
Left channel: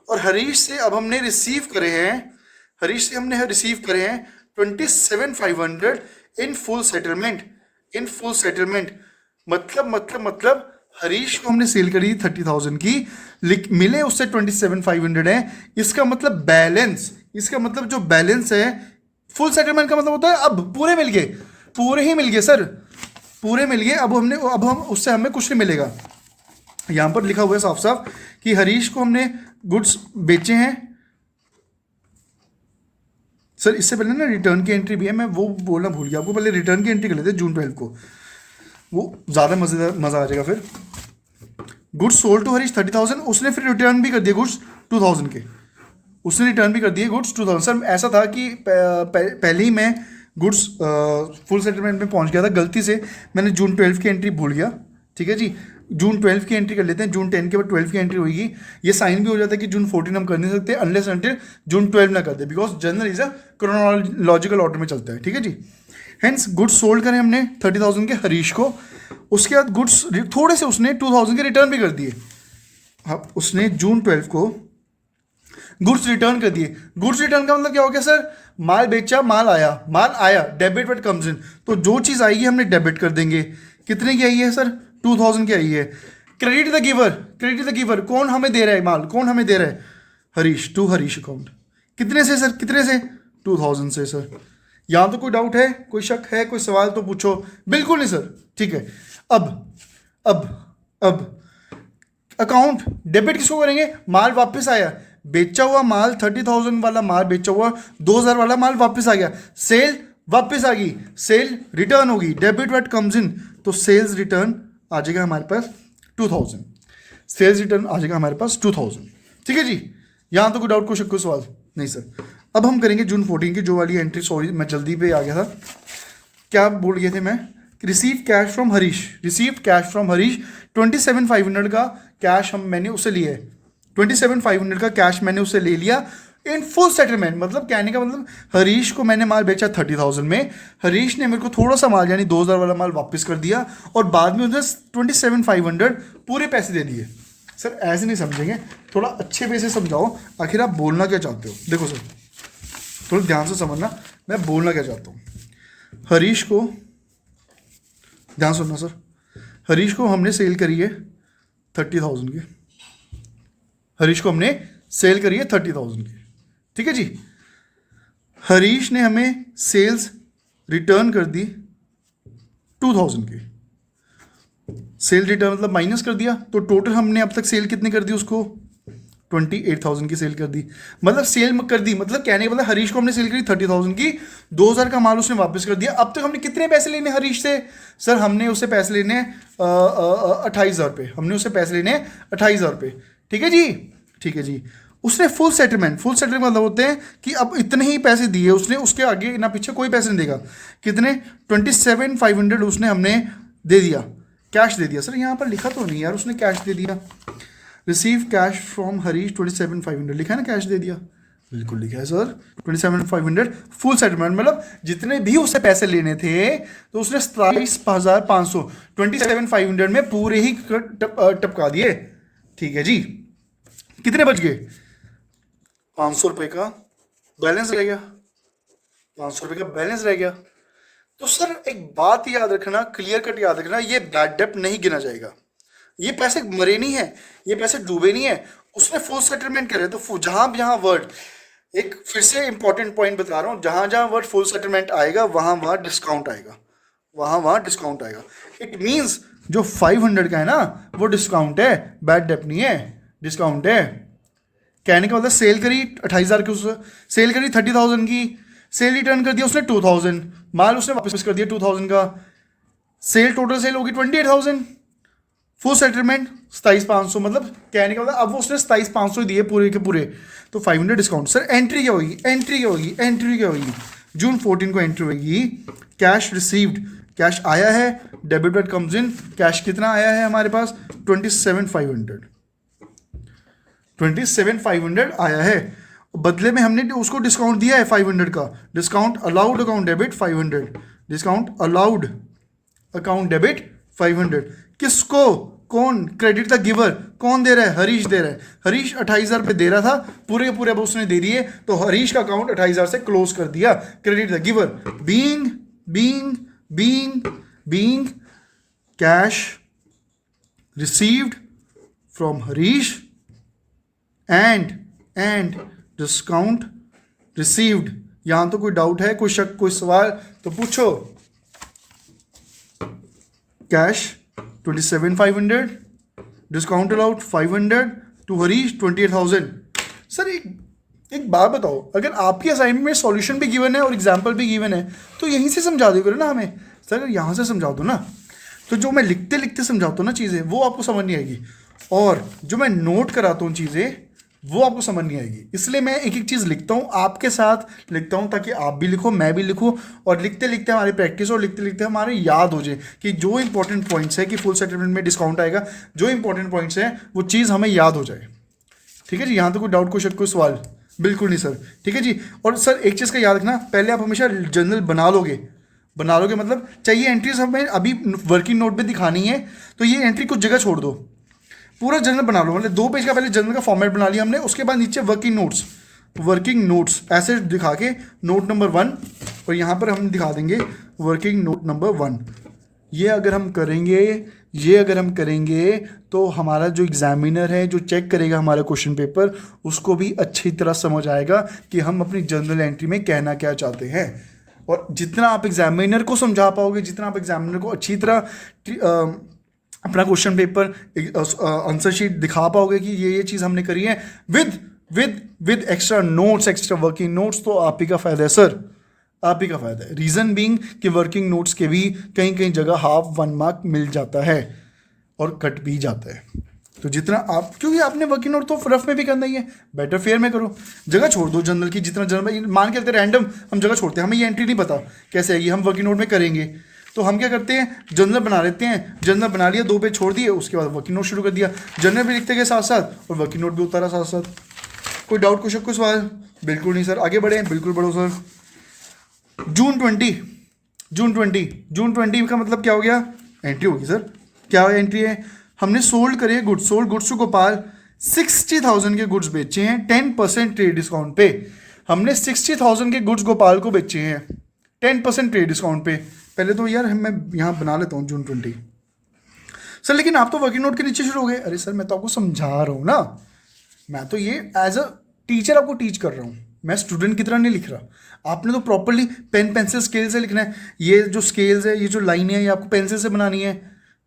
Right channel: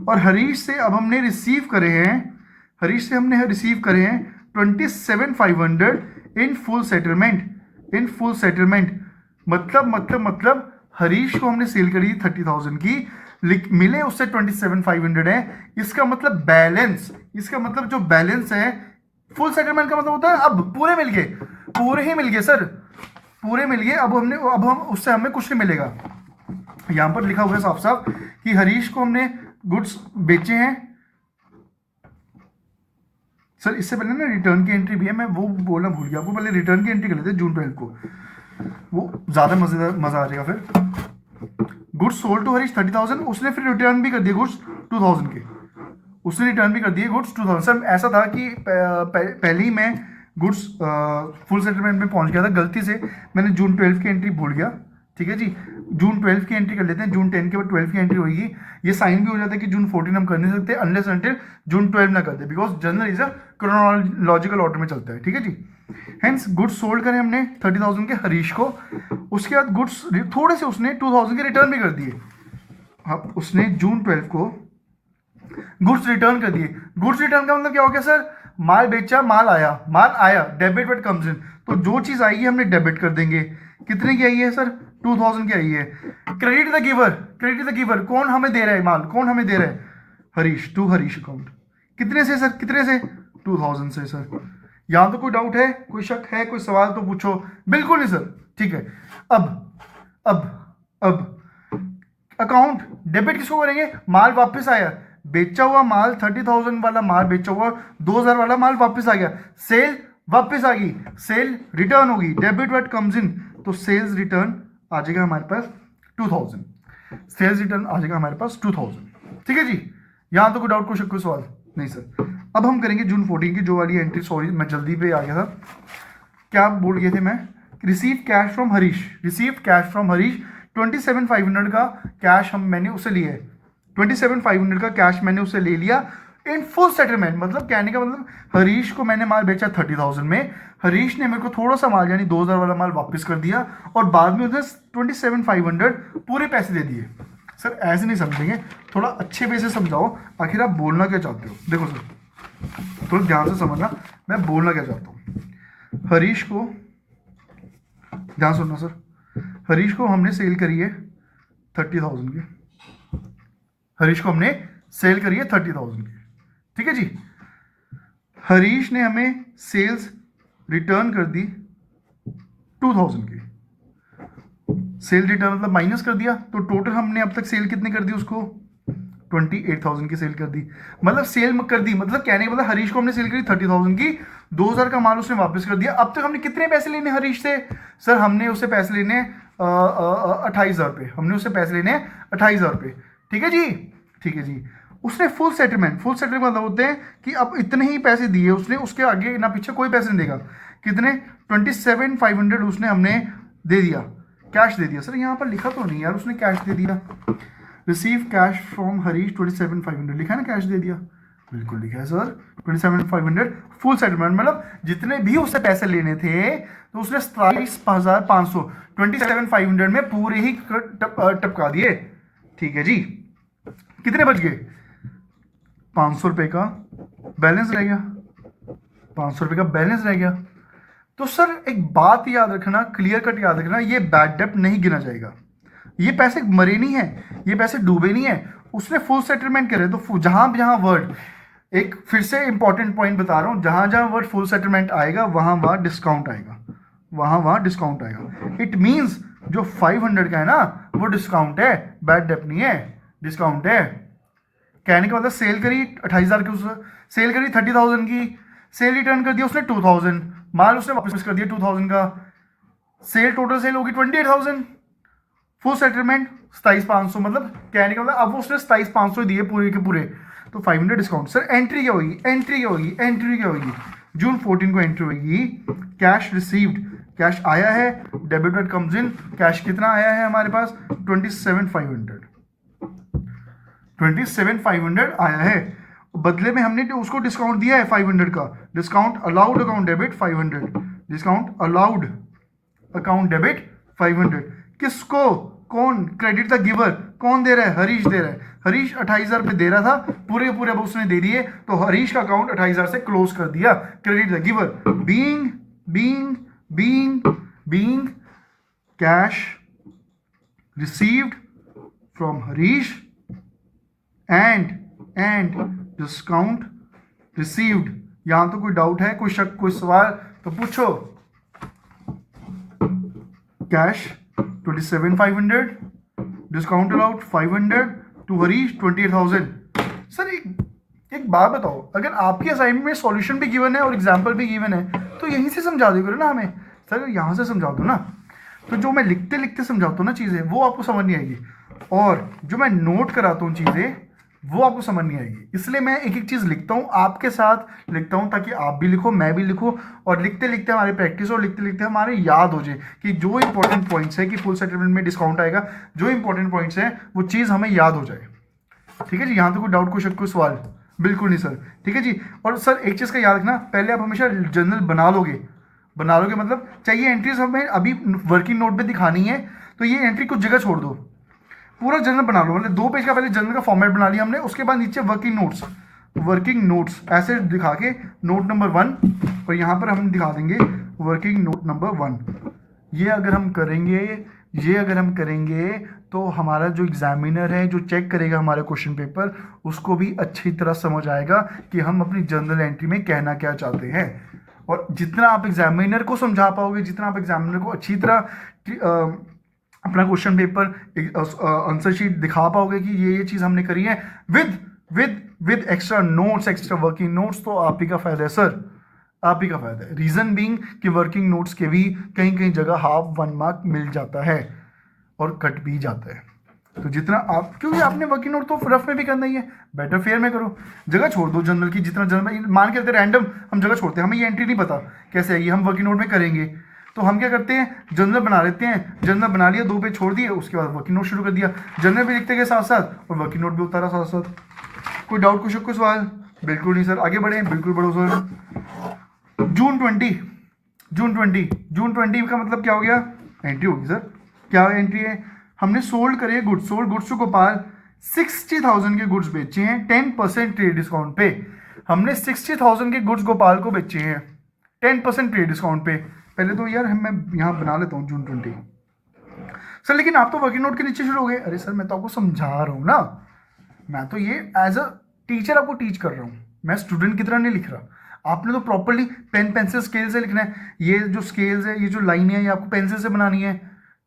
और हरीश से अब हमने रिसीव करे हैं, हरीश से हमने रिसीव करे हैं 27,500 in full settlement, in full settlement मतलब हरीश को हमने सेल करी थी 30,000 की, मिले उससे 27,500 है, इसका मतलब बैलेंस, इसका मतलब जो बैलेंस है फुल सेटलमेंट का मतलब होता है अब पूरे मिल गए, पूरे ही मिल गए सर, पूरे मिल गए। अब हम उससे हमें कुछ नहीं मिलेगा। यहाँ पर लिखा हुआ है साफ साफ कि हरीश को हमने गुड्स बेचे हैं। सर इससे पहले ना रिटर्न की एंट्री भी है, मैं वो बोलना भूल गया आपको, पहले रिटर्न की एंट्री कर लेते हैं जून 12 को, वो ज़्यादा मज़ा आ जाएगा फिर। गुड्स सोल्ड टू हरीश 30,000, उसने फिर रिटर्न भी कर दिए गुड्स 2,000 के, उसने रिटर्न भी कर दिए गुड्स 2,000। सर ऐसा था कि पहले ही मैं गुड्स फुल सेटलमेंट में पहुंच गया था, गलती से मैंने जून 12 की एंट्री भूल गया। ठीक है जी, जून 12 की एंट्री कर लेते हैं, जून 10 के बाद 12 की एंट्री होगी। ये साइन भी हो जाता है कि जून 14 हम कर नहीं सकते अनलेस अनटिल जून 12 ना कर दे, because journal is a chronological order में चलता है। ठीक है जी, हेंस गुड्स सोल्ड करें हमने 30,000 के हरीश को, उसके बाद गुड्स थोड़े से उसने 2,000 के रिटर्न भी कर दिए। अब उसने जून 12 को गुड्स रिटर्न कर दिए। गुड्स रिटर्न का मतलब क्या हो गया सर? माल बेचा, माल आया, डेबिट व्हाट कम्स इन, तो जो चीज़ आएगी हमने डेबिट कर देंगे। कितने की आई है सर? 2,000 की आई है। Credit the giver, credit the giver, कौन हमें दे रहा है माल, कौन हमें दे रहा है? Harish, to Harish account. कितने से सर, कितने से? 2,000 से सर। यहाँ तो कोई डाउट है, कोई शक है, कोई सवाल तो पूछो। बिल्कुल नहीं सर, ठीक है। अब अकाउंट डेबिट किसको करेंगे? माल वापस आया, बेचा हुआ माल 30,000 वाला माल बेचा हुआ, 2,000 वाला माल वापस आ गया, सेल वापस आ गई, सेल रिटर्न होगी, डेबिट व्हाट कम्स इन, तो सेल्स रिटर्न आ जाएगा हमारे पास 2,000, सेल्स रिटर्न आ जाएगा हमारे पास 2,000। ठीक है जी, यहाँ तो कोई डाउट, कोई शक, कोई सवाल नहीं सर। अब हम करेंगे जून 14 की जो वाली एंट्री, सॉरी मैं जल्दी पे आ गया था, क्या बोल गए थे मैं? Receive cash from Harish, receive cash from Harish 27,500 का कैश मैंने उससे लिया है, 27,500 का कैश मैंने उससे ले लिया इन फुल सेटलमेंट। मतलब कहने का मतलब हरीश को मैंने माल बेचा 30,000 में, हरीश ने मेरे को थोड़ा सा माल यानी 2,000 वाला माल वापस कर दिया और बाद में उसे 27,500 पूरे पैसे दे दिए। सर ऐसे नहीं समझेंगे, थोड़ा अच्छे वे से समझाओ, आखिर आप बोलना क्या चाहते हो। देखो सर थोड़ा ध्यान से समझना, मैं बोलना क्या चाहता हूँ। हरीश को ध्यान सुनना सर, हरीश को हमने सेल करी है 30,000 की, हरीश को हमने सेल करी है 30,000 की। ठीक है जी, हरीश ने हमें सेल्स रिटर्न कर दी 2,000 की, सेल रिटर्न मतलब माइनस कर दिया, तो टोटल हमने अब तक सेल कितनी कर दी उसको, 28,000 की सेल कर दी। मतलब सेल कर दी मतलब कहने का मतलब हरीश को हमने सेल करी 30,000 की, 2,000 का माल उसने वापस कर दिया। अब तक हमने कितने पैसे लेने हरीश से, सर हमने उससे पैसे लेने 28,000 रुपये, हमने उससे पैसे लेने 28,000 रुपये। ठीक है जी, ठीक है जी। उसने फुल सेटलमेंट मतलब होते हैं कि अब इतने ही पैसे दिए उसने, उसके आगे ना पीछे कोई पैसे नहीं देगा। कितने, 27,500 उसने हमने दे दिया, कैश दे दिया। सर यहाँ पर लिखा तो नहीं यार उसने कैश दे दिया, रिसीव कैश फ्रॉम हरीश 27,500 लिखा है ना, कैश दे दिया, बिल्कुल लिखा है सर 27,500 फुल सेटलमेंट। मतलब जितने भी उससे पैसे लेने थे तो उसने 27,500 27,500 में पूरे ही टपका दिए। ठीक है जी, कितने बच गए, 500 रुपये का बैलेंस रह गया, 500 रुपये का बैलेंस रह गया। तो सर एक बात याद रखना, क्लियर कट याद रखना, ये बैड डेप्ट नहीं गिना जाएगा, ये पैसे मरे नहीं है, ये पैसे डूबे नहीं है, उसने फुल सेटलमेंट करे। तो जहां जहां वर्ड, एक फिर से इंपॉर्टेंट पॉइंट बता रहा हूं, जहां जहां वर्ड फुल सेटलमेंट आएगा वहां वहां डिस्काउंट आएगा, वहां वहां डिस्काउंट आएगा। इट मींस जो 500 का है ना वो डिस्काउंट है, बैड डेप्ट नहीं है, डिस्काउंट है। कहने का मतलब सेल करी 28,000 की, उससे सेल करी 30,000 की, सेल रिटर्न कर दिया उसने 2,000, माल उसने वापस कर दिया 2,000 का, सेल टोटल सेल होगी 28,000, फुल सेटलमेंट 27,500। मतलब कहने का मतलब अब वो उसने 27,500 दिए पूरे के पूरे, तो 500 डिस्काउंट। सर एंट्री क्या होगी, एंट्री क्या होगी, एंट्री क्या होगी, जून 14 को एंट्री होगी, कैश रिसीव्ड, कैश आया है, debit card comes in, cash कितना आया है हमारे पास 27,500, 27,500 आया है। बदले में हमने उसको डिस्काउंट दिया है 500 का, discount allowed account debit 500, discount allowed account debit 500। किसको, कौन, क्रेडिट द गिवर, कौन दे रहा है, हरीश दे रहा है। हरीश 28,000 रुपये दे रहा था, पूरे पूरे अब उसने दे दिए, तो हरीश का अकाउंट 28,000 से क्लोज कर दिया। Credit the giver, being being being being cash received from Harish and discount received. यहां तो कोई डाउट है, कोई शक, कोई सवाल तो पूछो। Cash 27,500, discount allowed 500, to Harish 28,000। Sir एक बात बताओ, अगर आपकी असाइनमेंट में सॉल्यूशन भी गिवन है और एग्जाम्पल भी गिवन है तो यहीं से समझा दो करो ना हमें। सर यहाँ से समझा दो ना, तो जो मैं लिखते लिखते समझाता हूँ ना चीज़ें वो आपको समझ नहीं आएगी, और जो मैं नोट कराता हूँ चीज़ें वो आपको समझ नहीं आएगी। इसलिए मैं एक एक चीज़ लिखता हूँ, आपके साथ लिखता हूँ, ताकि आप भी लिखो मैं भी लिखूँ, और लिखते लिखते हमारी प्रैक्टिस और लिखते लिखते हमारे याद हो जाए कि जो इंपॉर्टेंट पॉइंट्स है कि फुल सेटलमेंट में डिस्काउंट आएगा, जो इंपॉर्टेंट पॉइंट्स हैं वो चीज़ हमें याद हो जाए। ठीक है जी, यहाँ तो कोई डाउट, कोई शक, कोई सवाल बिल्कुल नहीं सर। ठीक है जी, और सर एक चीज़ का याद रखना, पहले आप हमेशा जर्नल बना लोगे मतलब चाहिए एंट्रीज हमें अभी वर्किंग नोट में दिखानी है, तो ये एंट्री कुछ जगह छोड़ दो, पूरा जर्नल बना लो। मतलब 2 पेज का पहले जर्नल का फॉर्मेट बना लिया हमने, उसके बाद नीचे वर्किंग नोट्स ऐसे दिखा के नोट नंबर 1, और यहाँ पर हम दिखा देंगे वर्किंग नोट नंबर 1। ये अगर हम करेंगे तो हमारा जो एग्जामिनर है, जो चेक करेगा हमारा क्वेश्चन पेपर, उसको भी अच्छी तरह समझ आएगा कि हम अपनी जर्नल एंट्री में कहना क्या चाहते हैं। और जितना आप एग्जामिनर को समझा पाओगे, जितना आप एग्जामिनर को अच्छी तरह अपना क्वेश्चन पेपर आंसर शीट दिखा पाओगे कि ये चीज़ हमने करी है with extra notes, extra working notes, तो आप ही का फ़ायदा है सर, आप ही का फ़ायदा है। रीज़न बीइंग कि वर्किंग नोट्स के भी कहीं जगह हाफ 1 मार्क मिल जाता है और कट भी जाता है। तो जितना आप, क्योंकि आपने वर्किंग नोट तो रफ में भी करना ही है, बेटर फेयर में करो, जगह छोड़ दो जनरल की। जितना जनरल मान के चलते रैंडम हम जगह छोड़ते हैं, हमें ये एंट्री नहीं पता कैसे आएगी, हम वर्किंग नोट में करेंगे, तो हम क्या करते हैं, जनरल बना लेते हैं, जनरल बना लिया, 2 पेज छोड़ दिए, उसके बाद वर्किंग नोट शुरू कर दिया, जनरल भी लिखते गए साथ साथ और वर्किंग नोट भी उतारा साथ साथ। कोई डाउट, कोई सवाल? बिल्कुल नहीं सर, आगे बढ़े, बिल्कुल बढ़ो सर। जून 20 का मतलब क्या हो गया, एंट्री होगी सर। क्या एंट्री है, हमने सोल्ड करे goods, sold goods to Gopal, 60,000 के गुड्स बेचे हैं 10% ट्रेड डिस्काउंट पे। हमने 60,000 के गुड्स गोपाल को बेचे हैं 10% ट्रेड डिस्काउंट पे। पहले तो यार मैं यहाँ बना लेता हूँ जून 20 सर, लेकिन आप तो वर्किंग नोट के नीचे शुरू हो गए। अरे सर मैं तो आपको समझा रहा हूँ ना, मैं तो ये एज अ टीचर आपको टीच कर रहा हूँ, मैं स्टूडेंट की तरह नहीं लिख रहा। आपने तो प्रॉपरली पेन पेंसिल स्केल से लिखना है। ये जो स्केल्स है, ये जो लाइन है, ये आपको पेंसिल से बनानी है,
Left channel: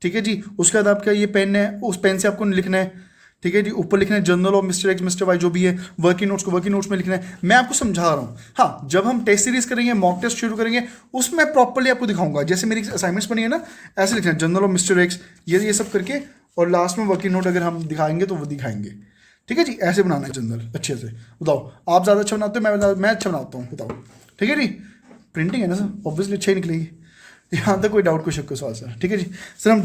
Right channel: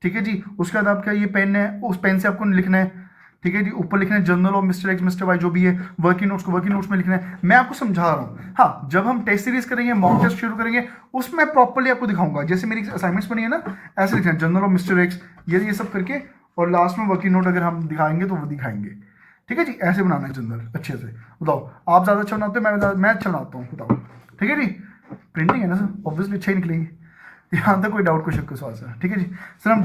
ठीक है जी। उसके बाद आपका ये पेन है, उस पेन से आपको लिखना है, ठीक है जी। ऊपर लिखना है journal of mister X mister Y, जो भी है वर्किंग नोट्स को वर्किंग नोट्स में लिखना है। मैं आपको समझा रहा हूँ। हाँ, जब हम टेस्ट सीरीज करेंगे, मॉक टेस्ट शुरू करेंगे, उसमें प्रॉपर्ली आपको दिखाऊंगा। जैसे मेरी असाइनमेंट्स बनी है ना, ऐसे लिखना है जर्नल ऑफ मिस्टर एक्स, ये सब करके, और लास्ट में वर्किंग नोट अगर हम दिखाएंगे तो वो दिखाएंगे। ठीक है जी, ऐसे बनाना है जर्नल अच्छे से। बताओ आप ज़्यादा अच्छा बनाते हो, मैं अच्छा बनाता हूँ, बताओ। ठीक है जी, प्रिंटिंग है ना सर, ऑब्वियसली अच्छी निकलेगी, यहाँ तक कोई डाउट कोई शक कोई सवाल सर। ठीक है जी सर, हम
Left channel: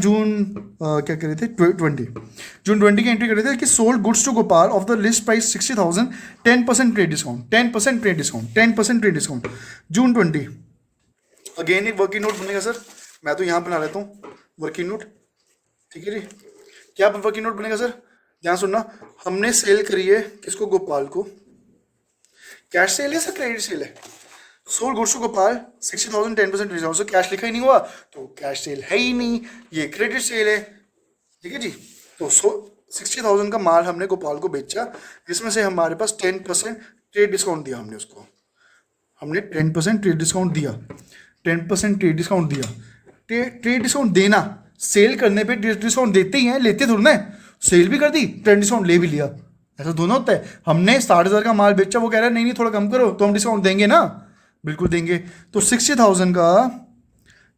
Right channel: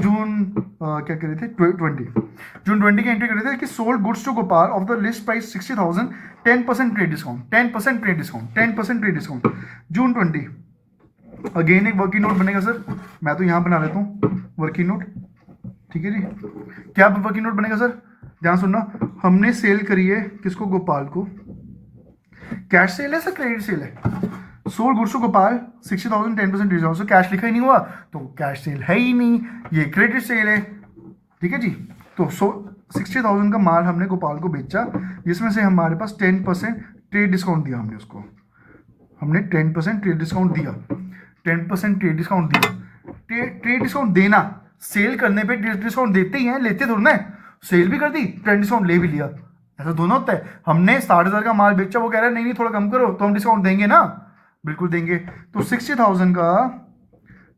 क्या कर रहे थे, 20 की एंट्री कर रहे थे कि sold goods to Gopal of the list price 60,000, 10% trade discount, 10% trade discount, 10% trade discount. June 20 again एक वर्किंग नोट बनेगा सर, मैं तो यहाँ बना लेता हूँ वर्किंग नोट। ठीक है जी, क्या वर्किंग नोट बनेगा सर, ध्यान सुनना। हमने सेल करी है किसको, गोपाल को। कैश सेल है सर, क्रेडिट सेल है। Sold goods to Gopal 60,000, 10% discount. So cash लिखा ही नहीं हुआ तो कैश सेल है ही नहीं, ये क्रेडिट सेल है। ठीक है जी, तो 60,000 का माल हमने गोपाल को बेचा, जिसमें से हमारे पास 10% ट्रेड डिस्काउंट दिया हमने उसको। हमने 10% ट्रेड डिस्काउंट दिया, 10% ट्रेड डिस्काउंट दिया। ट्रेड डिस्काउंट देना, सेल करने पे डिस्काउंट देते ही हैं, लेते थोड़ा ना, सेल भी कर दी, ट्रेड डिस्काउंट ले भी लिया, ऐसा दोनों होता है। हमने 60,000 का माल बेचा, वो कह रहा है नहीं नहीं थोड़ा कम करो, तो हम डिस्काउंट देंगे ना, बिल्कुल देंगे। तो 60,000 का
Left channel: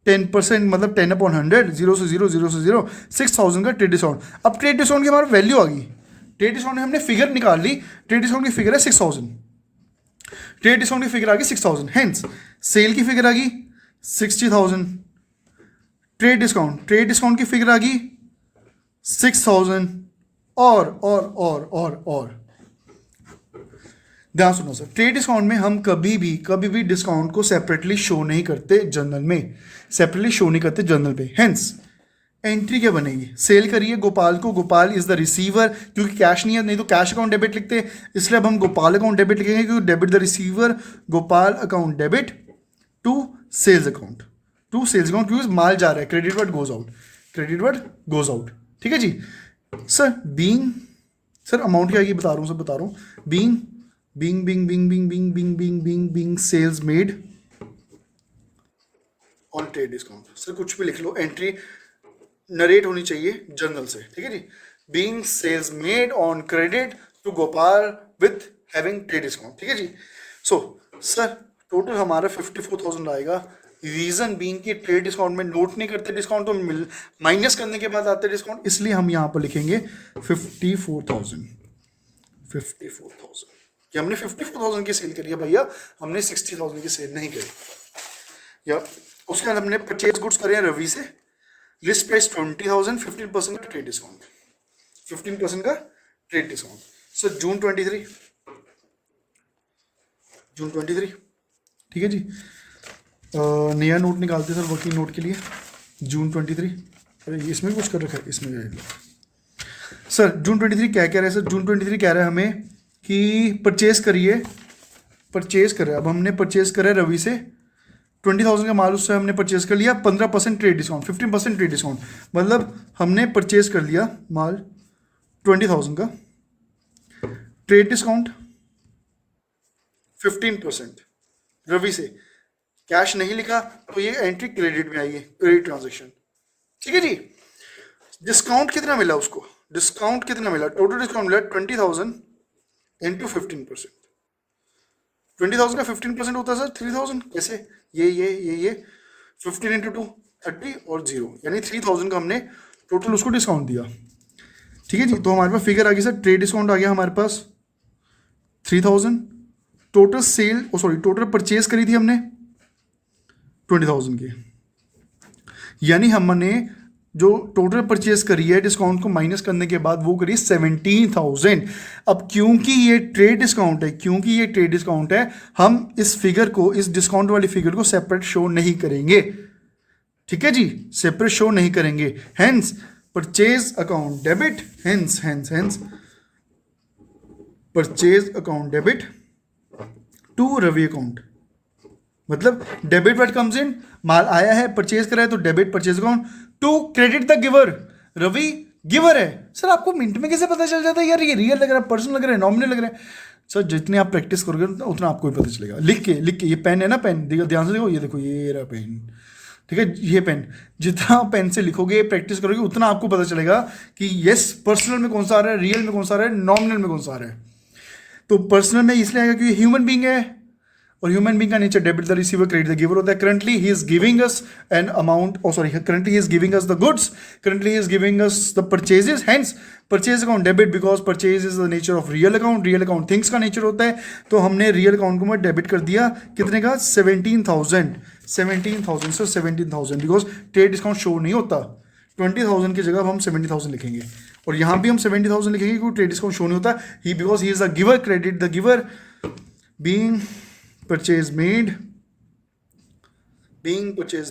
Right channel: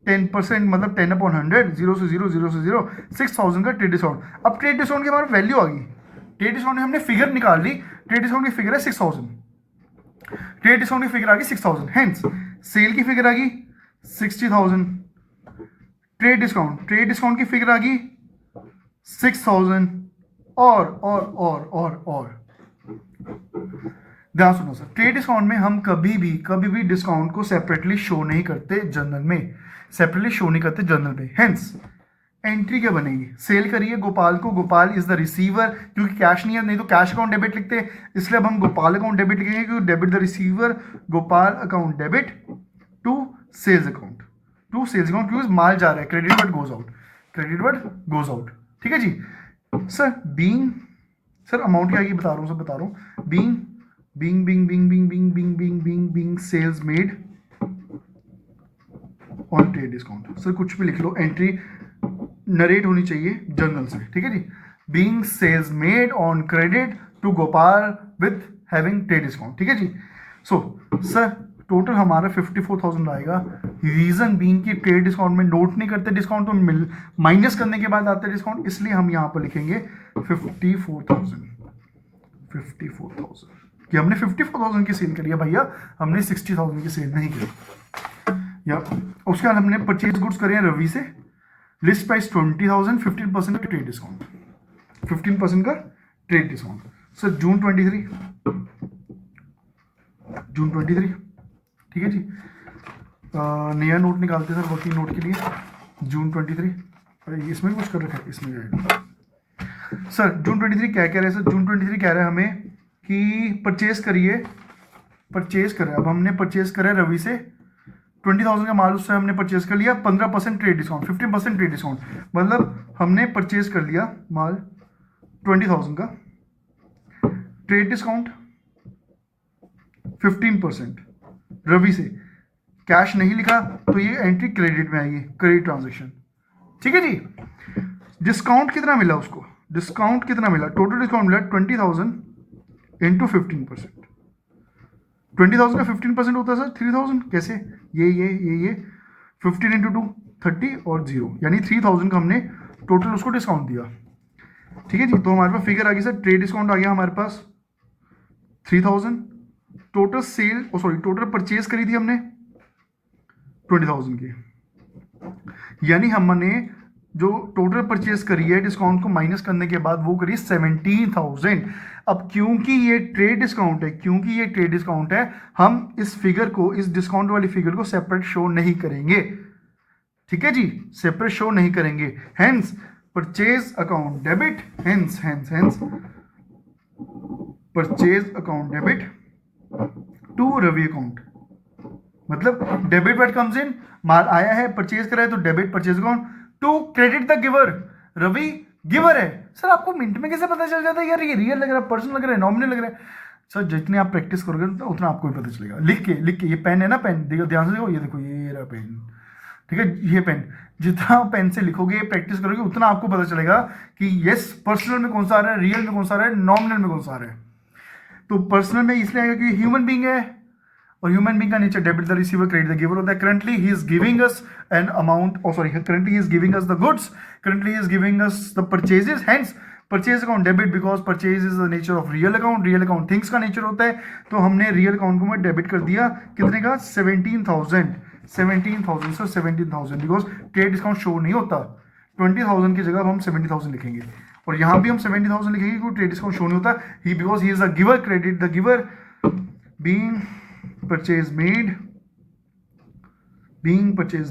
10% मतलब 10/100, 0 से 0, 0 से 0, 6,000 का ट्रेड डिस्काउंट। अब ट्रेड डिस्काउंट की हमारी वैल्यू आ गई, ट्रेड डिस्काउंट में हमने फिगर निकाल ली, ट्रेड डिस्काउंट की फिगर है 6,000, ट्रेड डिस्काउंट की फिगर आ गई 6,000, हेंस सेल की फिगर आ गई 60,000, ट्रेड डिस्काउंट की फिगर आ गई 6,000, और ध्यान सुनो सर, ट्रेड डिस्काउंट में हम कभी भी डिस्काउंट को सेपरेटली शो नहीं करते जर्नल में, सेपरेटली शो नहीं करते जर्नल पे। हेंस एंट्री क्या बनेगी, सेल करिए गोपाल को, गोपाल इज द रिसीवर, क्योंकि कैश नहीं है, नहीं तो कैश अकाउंट डेबिट लिखते, इसलिए अब हम गोपाल अकाउंट डेबिट लिखेंगे, क्योंकि debit the receiver, Gopal account debit to sales account, क्योंकि माल जा रहा है, क्रेडिट वर्ड गोज आउट, ठीक है जी सर। बीइंग सर अमाउंट क्या ये बता रहा हूँ, being sales made on trade discount. Sir कुछ भी लिख लो, एंट्री नरेट होनी चाहिए जर्नल से, ठीक है जी। Being sales made on credit to Gopal with having trade discount, ठीक है जी। सो सर टोटल हमारा 54,000 आएगा। रीजन बीइंग कि ट्रेड डिस्काउंट में नोट नहीं करते डिस्काउंट, तो माइनस करने के बाद आते डिस्काउंट, इसलिए हम यहाँ पर लिखेंगे 54,000। कि हमने 54,000 की सेल करी है भैया, हमने 60,000 की सेल नहीं करी। या उसके बाद हमने परचेज गुड्स करे हैं रवि से, लिस्ट प्राइस 20,000, 15% का ट्रेड डिस्काउंट, 15% का ट्रेड डिस्काउंट। सर जून 23, ठीक है जी। नया नोट निकालते सर वर्किंग नोट के लिए, जून 23। अरे इसमें कुछ कर रखा है, इसमें सर जून 23 क्या कह रहे हैं सर, जून 23 कह रहे हैं हमें कि परचेज कर रहे हैं। अब हमने परचेज करा है रवि से 20,000 का माल, उससे हमने परचेज कर लिया, 15% ट्रेड डिस्काउंट, 15% ट्रेड डिस्काउंट, मतलब हमने परचेज कर लिया माल 20,000 का, ट्रेड डिस्काउंट 15% रवि से, कैश नहीं लिखा तो ये एंट्री क्रेडिट में आई है, क्रेडिट ट्रांजेक्शन, ठीक है जी। डिस्काउंट कितना मिला उसको, टोटल डिस्काउंट मिला 20,000 इंटू 15%। 20,000 का 15% होता है सर 3,000, कैसे, ये 15 इंटू 2 30 और 0, यानी 3,000 का हमने टोटल उसको डिस्काउंट दिया, ठीक है जी। तो हमारे पास फिगर आ गई सर, ट्रेड डिस्काउंट आ गया हमारे पास 3,000, टोटल परचेज करी थी हमने 20,000 की, यानी हमने जो टोटल परचेज करी है डिस्काउंट को माइनस करने के बाद वो करी 17,000। अब क्योंकि ये ट्रेड डिस्काउंट है, हम इस फिगर को, इस डिस्काउंट वाली फिगर को सेपरेट शो नहीं करेंगे, ठीक है जी, सेपरेट शो नहीं करेंगे। Hence purchase account debit, hence purchase account debit to Ravi account, मतलब डेबिट व्हाट कम्स इन, माल आया है परचेज करा है तो debit purchase account to credit the giver, Ravi giver है। सर आपको मिनट में कैसे पता चल जाता है यार, ये रियल लग रहा है, पर्सन लग रहा है, नॉमिनल लग रहा है। सर जितने आप प्रैक्टिस करोगे उतना आपको भी पता चलेगा। लिख के ये पेन है ना, पेन देखो ध्यान से, देखो ये रहा पेन, ठीक है, ये पेन, जितना पेन से लिखोगे प्रैक्टिस करोगे उतना आपको पता चलेगा कि यस पर्सनल में कौन सा आ रहा है, रियल में कौन सा आ रहा है, नॉमिनल में कौन सा आ रहा है। तो पर्सनल में इसलिए आएगा क्योंकि ह्यूमन बीइंग है, और ह्यूमन बीइंग का nature debit the receiver credit the giver होता है। Currently he is giving us an amount, oh sorry, currently he is giving us the goods, currently he is giving us the purchases, hence purchase account debit because purchase is the nature of real account, real account things का नेचर होता है। तो हमने रियल अकाउंट को मैं डेबिट कर दिया, कितने का, 17,000, 17,000 sir, 17,000, because trade discount show नहीं होता। 20,000 की जगह हम 70,000 लिखेंगे, और यहाँ भी हम 70,000 लिखेंगे क्योंकि ट्रेड डिस्काउंट शो नहीं होता, he because he is the giver credit the giver, being purchase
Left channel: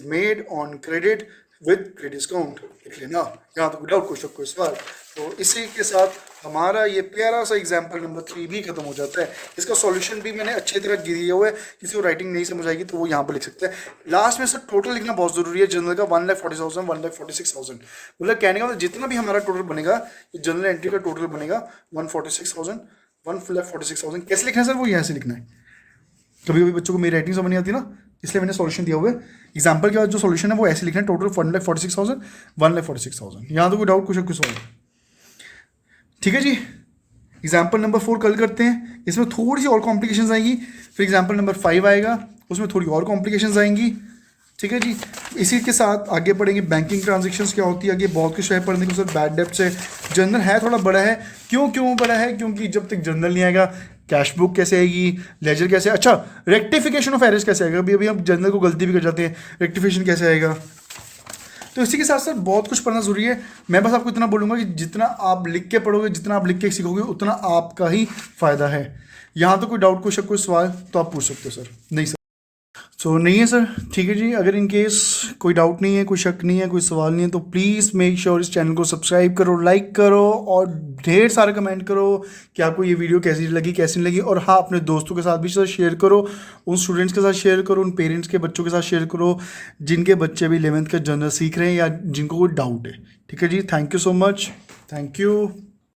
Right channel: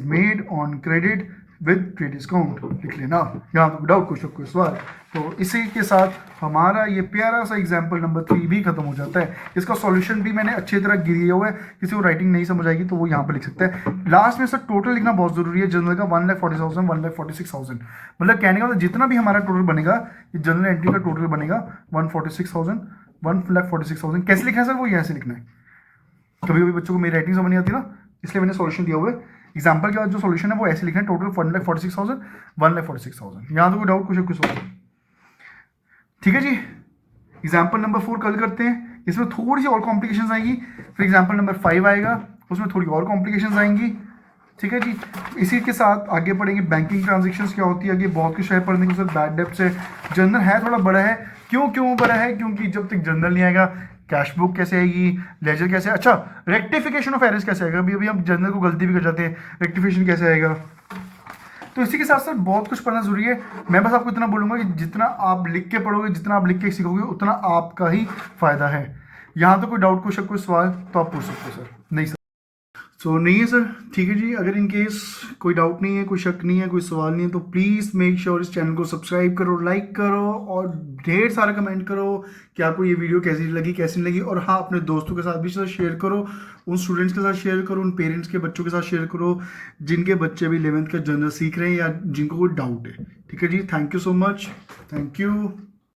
made on credit with credit discount, लिख लेना। यहाँ तो डाउट क्वेश्चन कोई सवाल। तो इसी के साथ हमारा ये प्यारा सा एग्जाम्पल नंबर 3 भी खत्म हो जाता है। इसका सॉल्यूशन भी मैंने अच्छी तरह दिया हुआ है, किसी को राइटिंग नहीं समझ आएगी तो वो यहाँ पर लिख सकता है। लास्ट में सर टोटल लिखना बहुत जरूरी है। जनरल का 1,40,000, 1,46,000, मतलब कहने का मतलब जितना भी हमारा टोटल बनेगा, ये जनरल एंट्री का टोटल बनेगा 1,46,000, 1,46,000। कैसे लिखना है सर, वो यहाँ से लिखना है। कभी कभी बच्चों को मेरी राइटिंग समझ नहीं आती ना, इसलिए मैंने सॉल्यूशन दिया हुआ है। एग्जाम्पल के बाद जो सॉल्यूशन है वो ऐसे लिखना है, टोटल 1,46,000, 1,46,000। यहाँ तो कोई डाउट कुछ सवाल, ठीक है जी। एग्जाम्पल नंबर 4 कल करते हैं, इसमें थोड़ी सी और कॉम्प्लिकेशंस आएंगी। फिर एग्जाम्पल नंबर 5 आएगा, उसमें थोड़ी और कॉम्प्लिकेशंस आएंगी, ठीक है जी। इसी के साथ आगे पढ़ेंगे बैंकिंग ट्रांजेक्शन्स क्या होती है, आगे बहुत कुछ है पढ़ने को सर। बैड डेब्ट्स है, जनरल है थोड़ा बड़ा है। क्यों बड़ा है, क्योंकि जब तक जनरल नहीं आएगा कैश बुक कैसे आएगी, लेजर कैसे, अच्छा रेक्टिफिकेशन ऑफ एरर्स कैसे आएगा, अभी हम जनरल को गलती भी कर जाते हैं, रेक्टिफिकेशन कैसे आएगा। तो इसी के साथ साथ बहुत कुछ पढ़ना जरूरी है। मैं बस आपको इतना बोलूँगा कि जितना आप लिख के पढ़ोगे, जितना आप लिख के सीखोगे, उतना आपका ही फायदा है। यहाँ तो कोई डाउट क्वेश्चन कोई सवाल तो आप पूछ सकते हो सर। नहीं सर, नहीं है सर, ठीक है जी। अगर इन केस कोई डाउट नहीं है, कोई शक नहीं है, कोई सवाल नहीं है, तो प्लीज़ मेक श्योर इस चैनल को सब्सक्राइब करो, लाइक करो और ढेर सारा कमेंट करो कि आपको ये वीडियो कैसी लगी, कैसी नहीं लगी। और हाँ, अपने दोस्तों के साथ भी सर शेयर करो, उन स्टूडेंट्स के साथ शेयर करो, उन पेरेंट्स के बच्चों के साथ शेयर करो जिनके बच्चे भी 11th का जनरल सीख रहे हैं या जिनको कोई डाउट है। ठीक है जी, thank you so much, thank you.